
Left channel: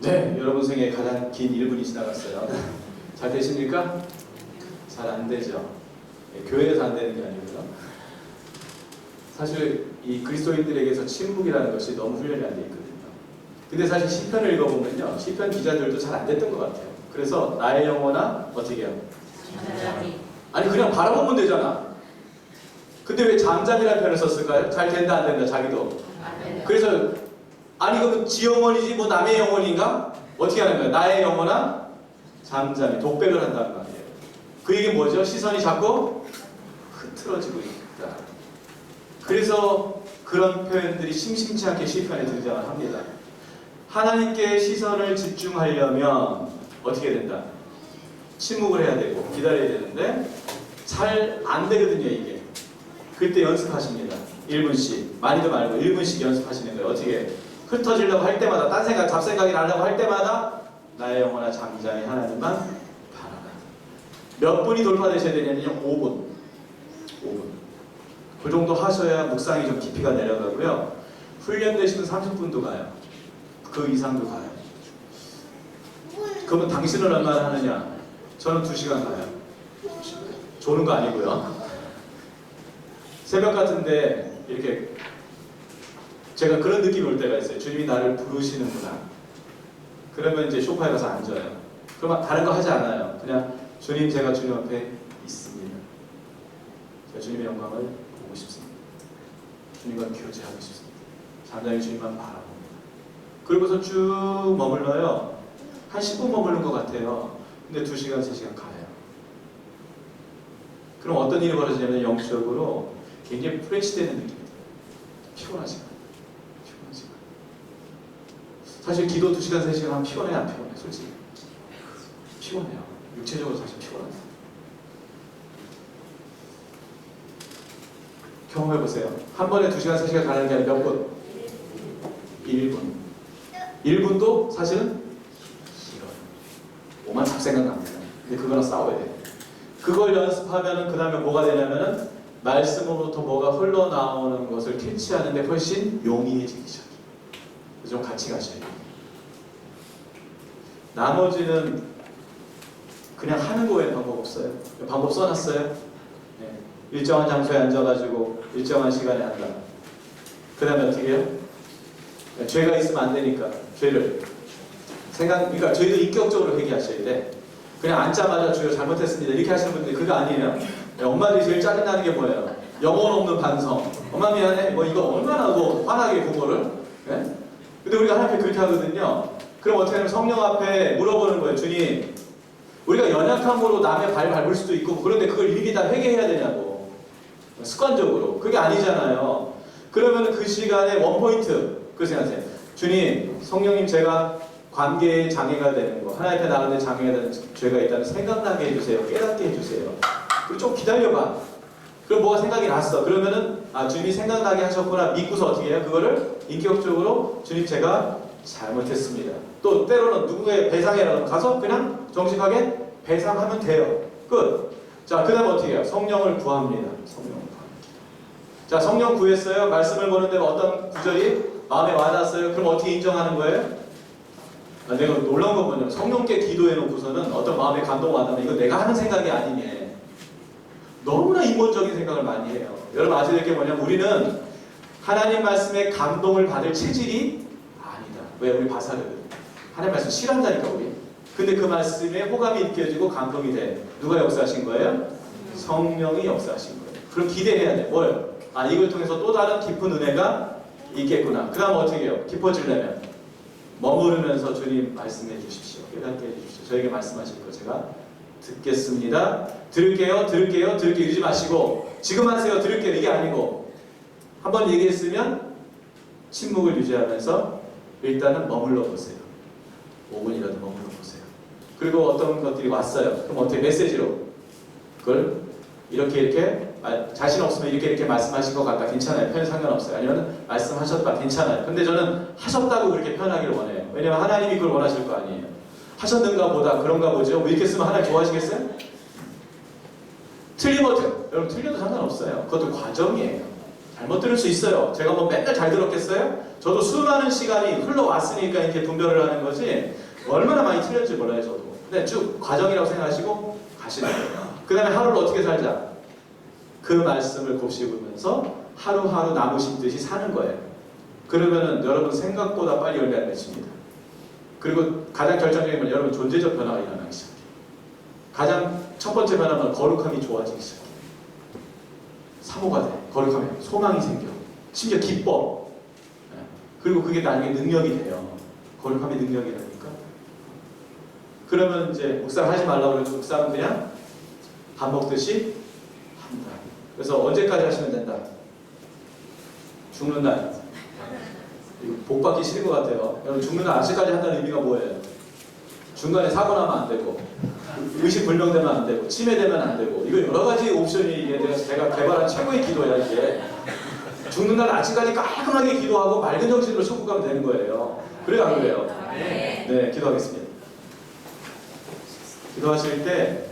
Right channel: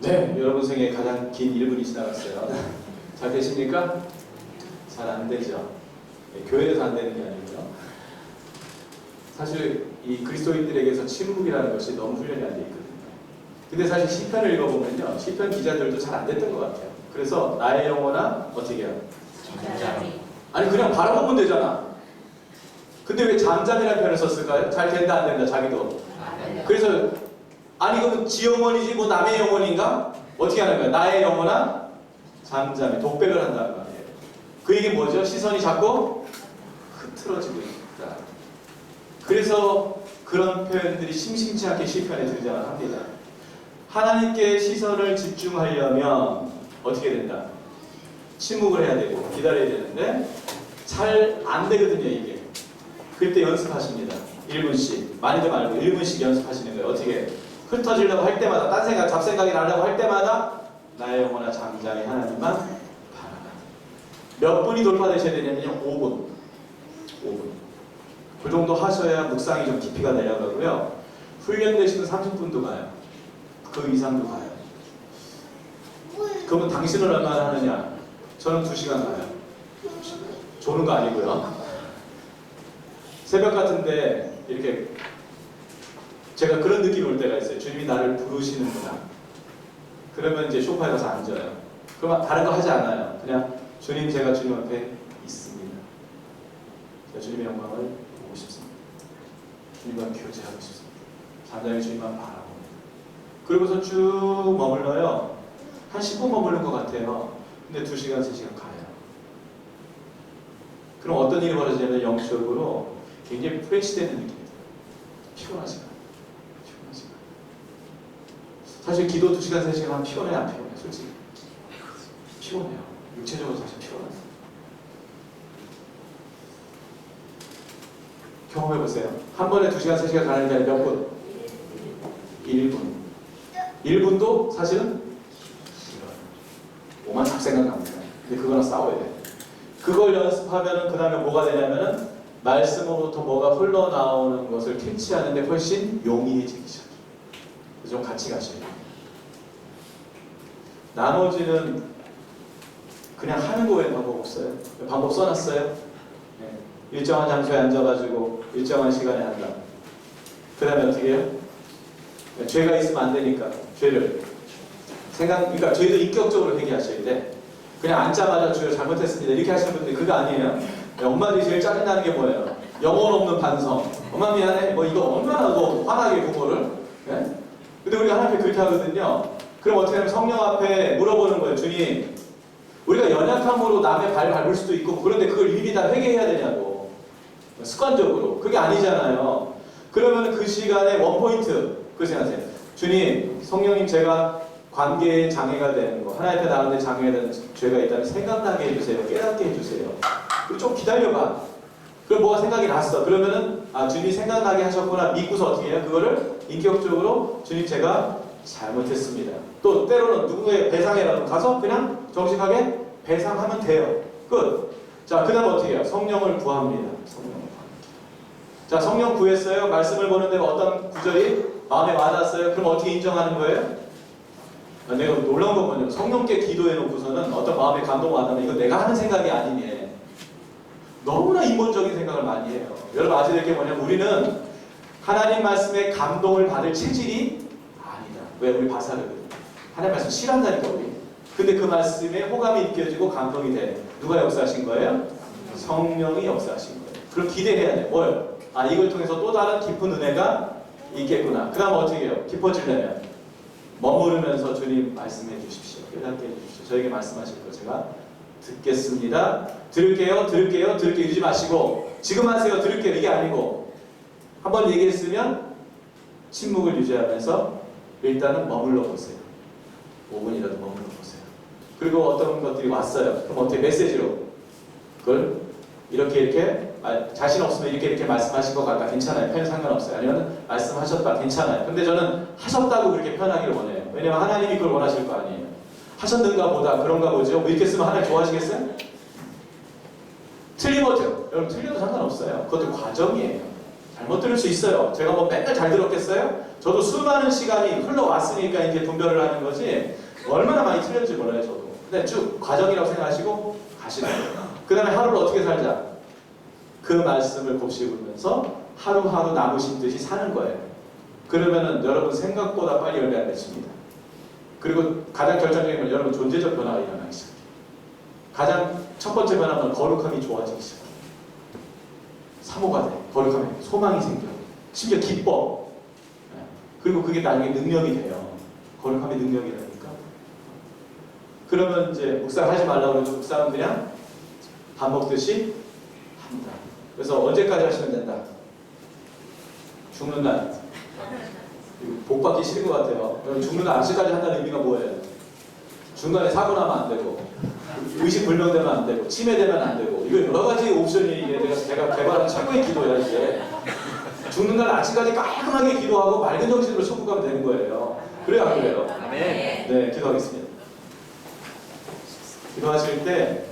네, 여러분 생에 가장 긴 1분이 지나갔어요. 잘 되십니까? 잘 안 되죠. 네, 교회에서 안 되는 게 아니고요. 사실 이 그리스도인들에게서 침묵이라는 것이 너무 훈련이 안 돼 있거든요. 근데 사실 시편을 읽어보면요, 시편 기자들도 잘 안 됐던 것 같아요. 그래서 나의 영혼아 어떻게 해요? 잠잠히. 아니 그냥 바라보면 되잖아. 근데 왜 잠잠이라는 표현을 썼을까요? 잘 된다 안 된다 자기도. 안 된다. 그래서 아니 그러면 지 영혼이지 뭐 남의 영혼인가? 어떻게 하는 거야? 나의 영혼아 잠잠히 독백을 한다는 거 아니에요. 그 얘기 뭐죠? 시선이 자꾸 흐트러지고 있다. 그래서 그런 표현들이 심심치 않게 시편에 등장을 합니다. 하나님께 시선을 집중하려면 어떻게 된다? 침묵을 해야 되고 기다려야 되는데 잘 안 되거든요 이게. 그때 연습하십니다. 1분씩 많이도 말고 1분씩 연습하시는 거예요. 어떻게 흩어지려고 할 때마다 딴 생각 잡생각이 나려고 할 때마다 나의 영혼아 잠잠히 하나님만 바라라. 몇 분이 돌파되셔야 되냐면요 5분. 그 정도 하셔야 묵상이 좀 깊이가 내려가고요. 훈련되시면 30분도 가요. 그 이상도 가요. 그러면 당신은 얼마나 하느냐? 저는 2시간 가요. 조는 거 아니고요. 새벽 같은데 이렇게 제가 그런 느낌이 올 때가 있어요. 주님이 나를 부르시는구나. 그러면 이제 소파에 가서 앉아요. 그러면 다른 거 하지 않아요. 그냥 주님 제가 주님 앞에 있습니다. 제가 주님의 영광을 보고 싶습니다. 주님과 교제하고 싶습니다. 잠잠히 주님만 바라봅니다. 그리고서 쭉 머물러요. 한 10분 머무는 것 같아요. 근데 2시간, 3시간 가요. 그럼 어떤 일이 벌어지냐면 영적으로 굉장히 프레시되는 느낌이 들어요. 피곤하지가 않아요. 사실 기도 2시간, 3시간 하면 피곤해요? 안 피곤해요? 솔직히 피곤해요. 육체적으로 사실 피곤해요. 경험해보세요. 한 번에 2시간, 3시간 가는 게 아니라 몇 분? 1분. 1분도 사실은 길어요. 오만 잡생각 납니다. 근데 그거랑 싸워야 돼요. 그걸 연습하면은 그 다음에 뭐가 되냐면은 말씀으로부터 뭐가 흘러나오는 것을 캐치하는데 훨씬 용이해지기 시작해요. 좀 같이 가셔야 돼요. 나머지는 그냥 하는 거 외에 방법 없어요. 방법 써놨어요. 네. 일정한 장소에 앉아가지고 일정한 시간에 한다. 그 다음에 어떻게 해요? 네. 죄가 있으면 안 되니까 죄를 그러니까 저희도 인격적으로 회개하셔야 돼. 그냥 앉자마자 주여 잘못했습니다 이렇게 하시는 분들이 그거 아니에요. 엄마들이 제일 짜증나는 게 뭐예요? 영혼 없는 반성. 엄마 미안해. 뭐 이거 얼마나 화나게 그거를. 네? 근데 우리가 하나님 앞에 그렇게 하거든요. 그럼 어떻게 하면 성령 앞에 물어보는 거예요. 주님, 우리가 연약함으로 남의 발 밟을 수도 있고 그런데 그걸 일일이 다 회개해야 되냐고. 습관적으로. 그게 아니잖아요. 그러면 그 시간에 원포인트 그 생각하세요. 주님, 성령님 제가 관계에 장애가 되는 거, 하나님 앞에 나가는데 장애가 되는 죄가 있다면 생각나게 해주세요. 깨닫게 해주세요. 그리고 좀 기다려봐. 그럼 뭐가 생각이 났어. 그러면은 주님이 생각나게 하셨구나 믿고서 어떻게 해요? 그거를 인격적으로 주님 제가 잘못했습니다. 또 때로는 누구의 배상이라도 가서 그냥 정직하게 배상하면 돼요. 끝. 자, 그 다음 어떻게 해요? 성령을 구합니다. 성령을 구합니다. 자, 성령 구했어요. 말씀을 보는데 어떤 구절이 마음에 와닿았어요. 그럼 어떻게 인정하는 거예요? 내가 놀라운 건 뭐냐면 성령께 기도해 놓고서는 어떤 마음에 감동 와닿으면 이거 내가 하는 생각이 아니네. 너무나 인본적인 생각을 많이 해요. 여러분 아셔야 될 게 뭐냐면 우리는 하나님 말씀에 감동을 받을 체질이 아니다. 왜? 우리 바사르거든. 하나님 말씀 싫어한다니까 우리. 근데 그 말씀에 호감이 느껴지고 감동이 돼. 누가 역사하신 거예요? 성령이 역사하신 거예요. 그럼 기대해야 돼. 뭐요? 이걸 통해서 또 다른 깊은 은혜가 있겠구나. 그 다음 어떻게 해요? 깊어지려면 머무르면서 주님 말씀해 주십시오. 깨닫게 해주십시오. 저에게 말씀하실 거 제가 듣겠습니다. 들을게요. 이러지 마시고 지금 하세요. 들을게요. 이게 아니고 한번 얘기했으면 침묵을 유지하면서 일단은 머물러 보세요. 5분이라도 머물러 보세요. 그리고 어떤 것들이 왔어요. 그럼 어떻게 메시지로 그걸 이렇게 자신 없으면 이렇게 말씀하신 것 같다. 괜찮아요. 표현 상관없어요. 아니면 말씀하셨다. 괜찮아요. 근데 저는 하셨다고 그렇게 표현하기를 원해요. 왜냐면 하나님이 그걸 원하실 거 아니에요. 하셨는가 보다 그런가 보죠. 뭐 이렇게 쓰면 하나님 좋아하시겠어요? 틀리면 어때요? 여러분 틀려도 상관없어요. 그것도 과정이에요. 잘못 들을 수 있어요. 제가 뭐 맨날 잘 들었겠어요? 저도 수많은 시간이 흘러왔으니까 이렇게 분별을 하는 거지 얼마나 많이 틀렸는지 몰라요, 저도. 근데 쭉 과정이라고 생각하시고 가시는 거예요. 그 다음에 하루를 어떻게 살자? 그 말씀을 곱씹으면서 하루하루 나무 심듯이 사는 거예요. 그러면은 여러분 생각보다 빨리 열매 안 맺힙니다. 그리고 가장 결정적인 건 여러분 존재적 변화가 일어나기 시작해요. 가장 첫 번째 변화는 거룩함이 좋아지기 시작해요. 사모가 돼. 거룩함에 소망이 생겨. 심지어 기뻐. 그리고 그게 나중에 능력이 돼요. 거룩함이 능력이라니까. 그러면 이제 묵상 하지 말라고 그러면 묵상은 그냥 밥 먹듯이 한다. 그래서 언제까지 하시면 된다? 죽는 날. 이거 복 받기 싫은 것 같아요. 여러분 죽는 날 아직까지 한다는 의미가 뭐예요? 중간에 사고 나면 안 되고 의식 불명되면 안 되고 치매되면 안 되고 이거 여러 가지 옵션이 이게 제가 개발한 최고의 기도야 이게. 죽는 날 아침까지 깔끔하게 기도하고 맑은 정신으로 천국 가면 되는 거예요. 그래요 안 그래요? 네, 기도하겠습니다. 기도하실 때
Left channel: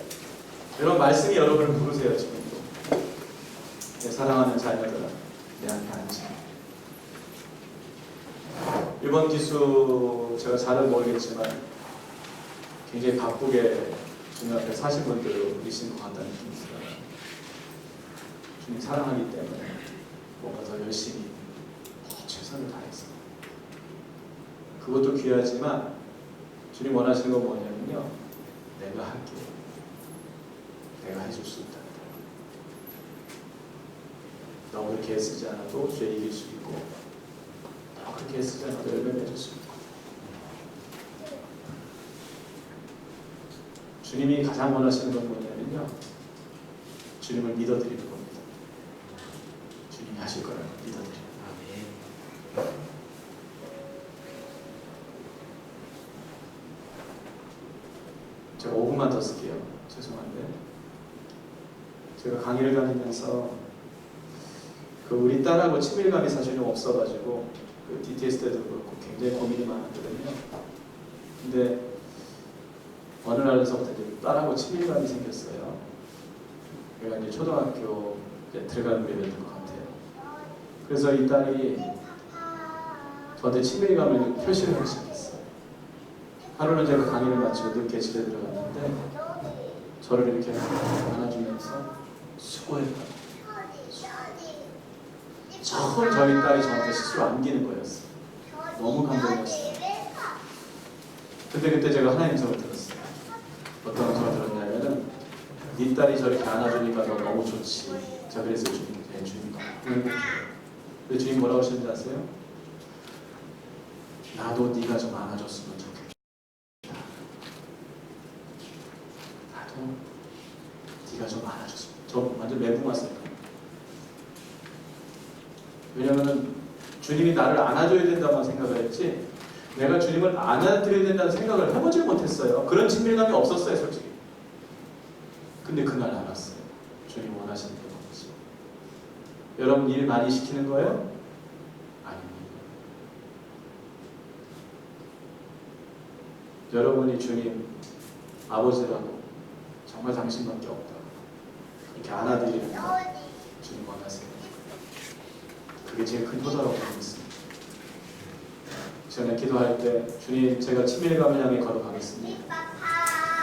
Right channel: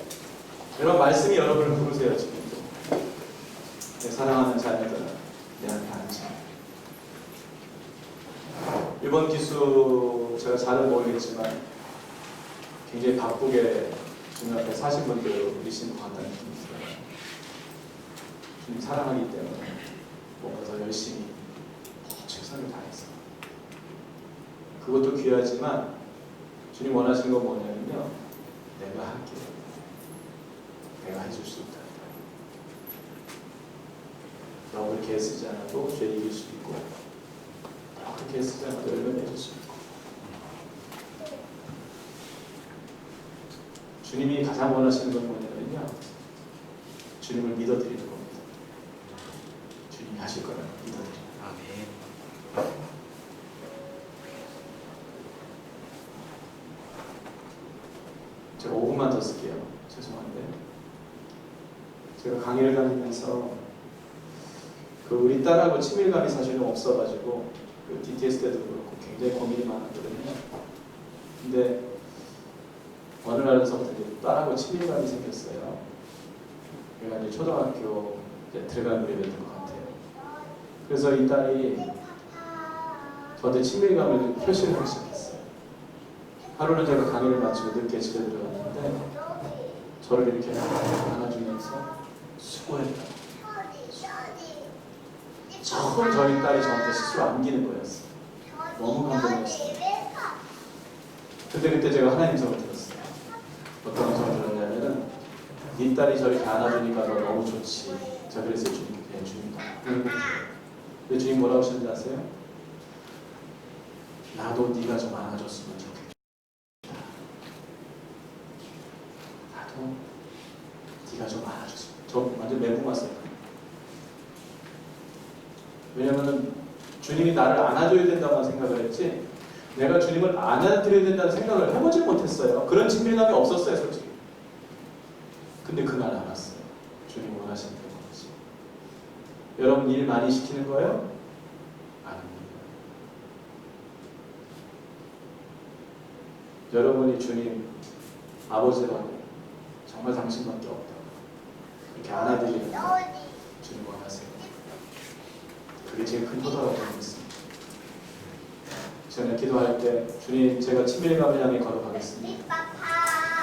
여러분 말씀이 여러분을 부르세요 지금도. 내 사랑하는 자녀들아 내 앞에 앉아. 이번 기수 제가 잘은 모르겠지만 굉장히 바쁘게 주님 앞에 사신 분들이신 것 같다는 느낌이 들어요. 주님 사랑하기 때문에 뭔가 더 열심히 최선을 다해서 그것도 귀하지만 주님 원하시는 건 뭐냐면요, 내가 할게. 내가 해줄 수 있다. 너 그렇게 애쓰지 않아도 죄 이길 수 있고 너 그렇게 애쓰지 않아도 열매 맺을 수 있고. 주님이 가장 원하시는 건 뭐냐면요, 주님을 믿어드리는 겁니다. 주님이 하실 거라고 믿어드리는. 제가 5분만 더 쓸게요. 죄송한데 제가 강의를 다니면서 그 우리 딸하고 친밀감이 사실 좀 없어가지고 그 DTS 때도 그렇고 굉장히 고민이 많았거든요. 근데 어느 날서부터 이제 딸하고 친밀감이 생겼어요. 제가 이제 초등학교 이제 들어간 무렵이었던 것 같아요. 그래서 이 딸이 저한테 친밀감을 표시를 하기 시작했어요. 하루는 제가 강의를 마치고 늦게 집에 들어갔는데 저를 이렇게 안아주면서 수고했다. 처음 저희 딸이 저한테 스스로 안기는 거였어요. 너무 감동이었어요. 근데 그때 제가 하나님 성을 들었어요. 어떤 성을 들었냐면은 네 딸이 저렇게 안아주니까 너 너무 좋지. 제가 그랬어요. 주님, 네, 주님. 근데 주님 뭐라고 하셨는지 아세요? 나도 네가 좀 안아줬으면 좋겠다. 나도 네가 좀 안아줬으면. 저 완전 멘붕 왔어요. 왜냐면은 주님이 나를 안아줘야 된다고만 생각을 했지 내가 주님을 안아드려야 된다는 생각을 해보지 못했어요. 그런 친밀감이 없었어요, 솔직히. 근데 그날 알았어요. 주님 원하시는 게 뭔지. 여러분 일 많이 시키는 거예요? 아닙니다. 여러분이 주님 아버지라고 정말 당신밖에 없다. 이렇게 안아드리는 거 주님 원하세요. 그게 제일 큰 효도라고 믿습니다. 저는 기도할 때 주님 제가 친밀감을 향해 걸어가겠습니다.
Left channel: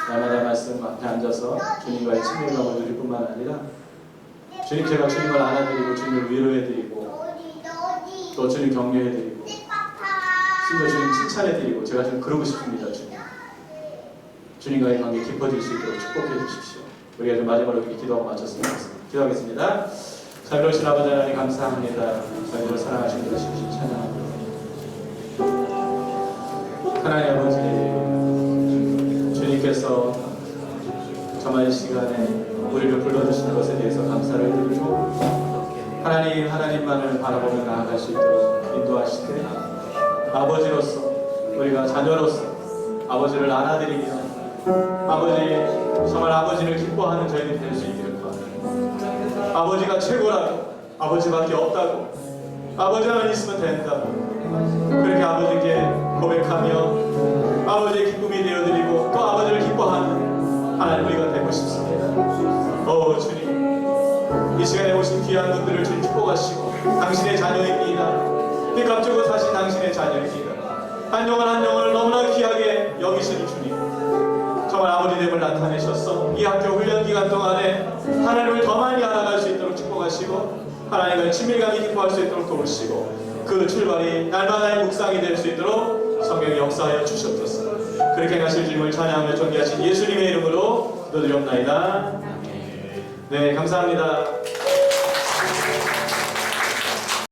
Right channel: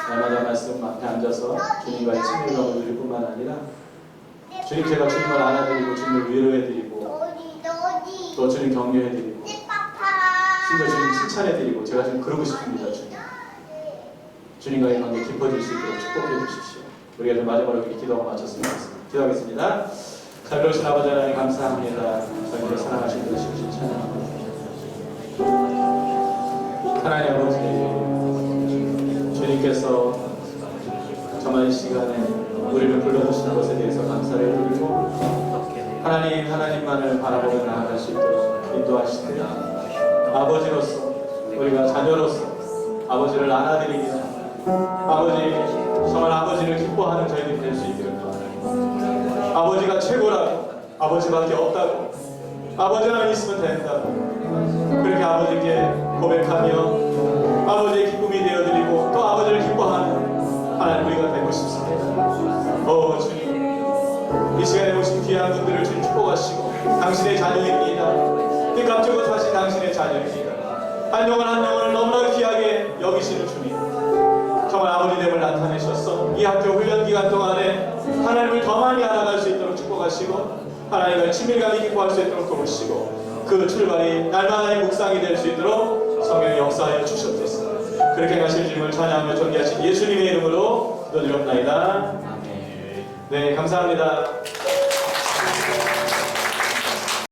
날마다 말씀 앞에 앉아서 주님과의 친밀감을 누릴 뿐만 아니라 주님 제가 주님을 안아드리고 주님을 위로해드리고 또 주님 격려해드리고 심지어 주님 칭찬해드리고 제가 좀 그러고 싶습니다. 주님과의 관계 깊어질 수 있도록 축복해 주십시오. 우리가 좀 마지막으로 이렇게 기도하고 마쳤으면 좋겠습니다. 기도하겠습니다. 자비로우신 아버지 하나님 감사합니다. 저희를 사랑하신 것 주신 찬양합니다. 하나님 아버지 주님께서 정말 이 시간에 우리를 불러주신 것에 대해서 감사를 드리고 하나님만을 바라보며 나아갈 수 있도록 인도하시되 아버지로서 우리가 자녀로서 아버지를 안아드리며 아버지 정말 아버지를 기뻐하는 저희들이 될 수 있기를 바랍니다. 아버지가 최고라고 아버지밖에 없다고 아버지만 있으면 된다고 그렇게 아버지께 고백하며 아버지의 기쁨이 되어드리고 또 아버지를 기뻐하는 하나님 우리가 되고 싶습니다. 주님 이 시간에 오신 귀한 분들을 주님 축복하시고 당신의 자녀입니다. 빚값 주고 사신 당신의 자녀입니다. 한 영혼 한 영혼을 너무나 귀하게 여기시는 주님, 정말 아버지됨을 나타내셨어. 이 학교 훈련 기간 동안에 하나님을 더 많이 알아갈 수 있도록 축복하시고 하나님을 친밀감이 기뻐할 수 있도록 도우시고 그 출발이 날마다의 묵상이 될 수 있도록 성령이 역사하여 주셨소서. 그렇게 하실 주님을 찬양하며 존귀하신 예수님의 이름으로 기도드리옵나이다. 네, 감사합니다.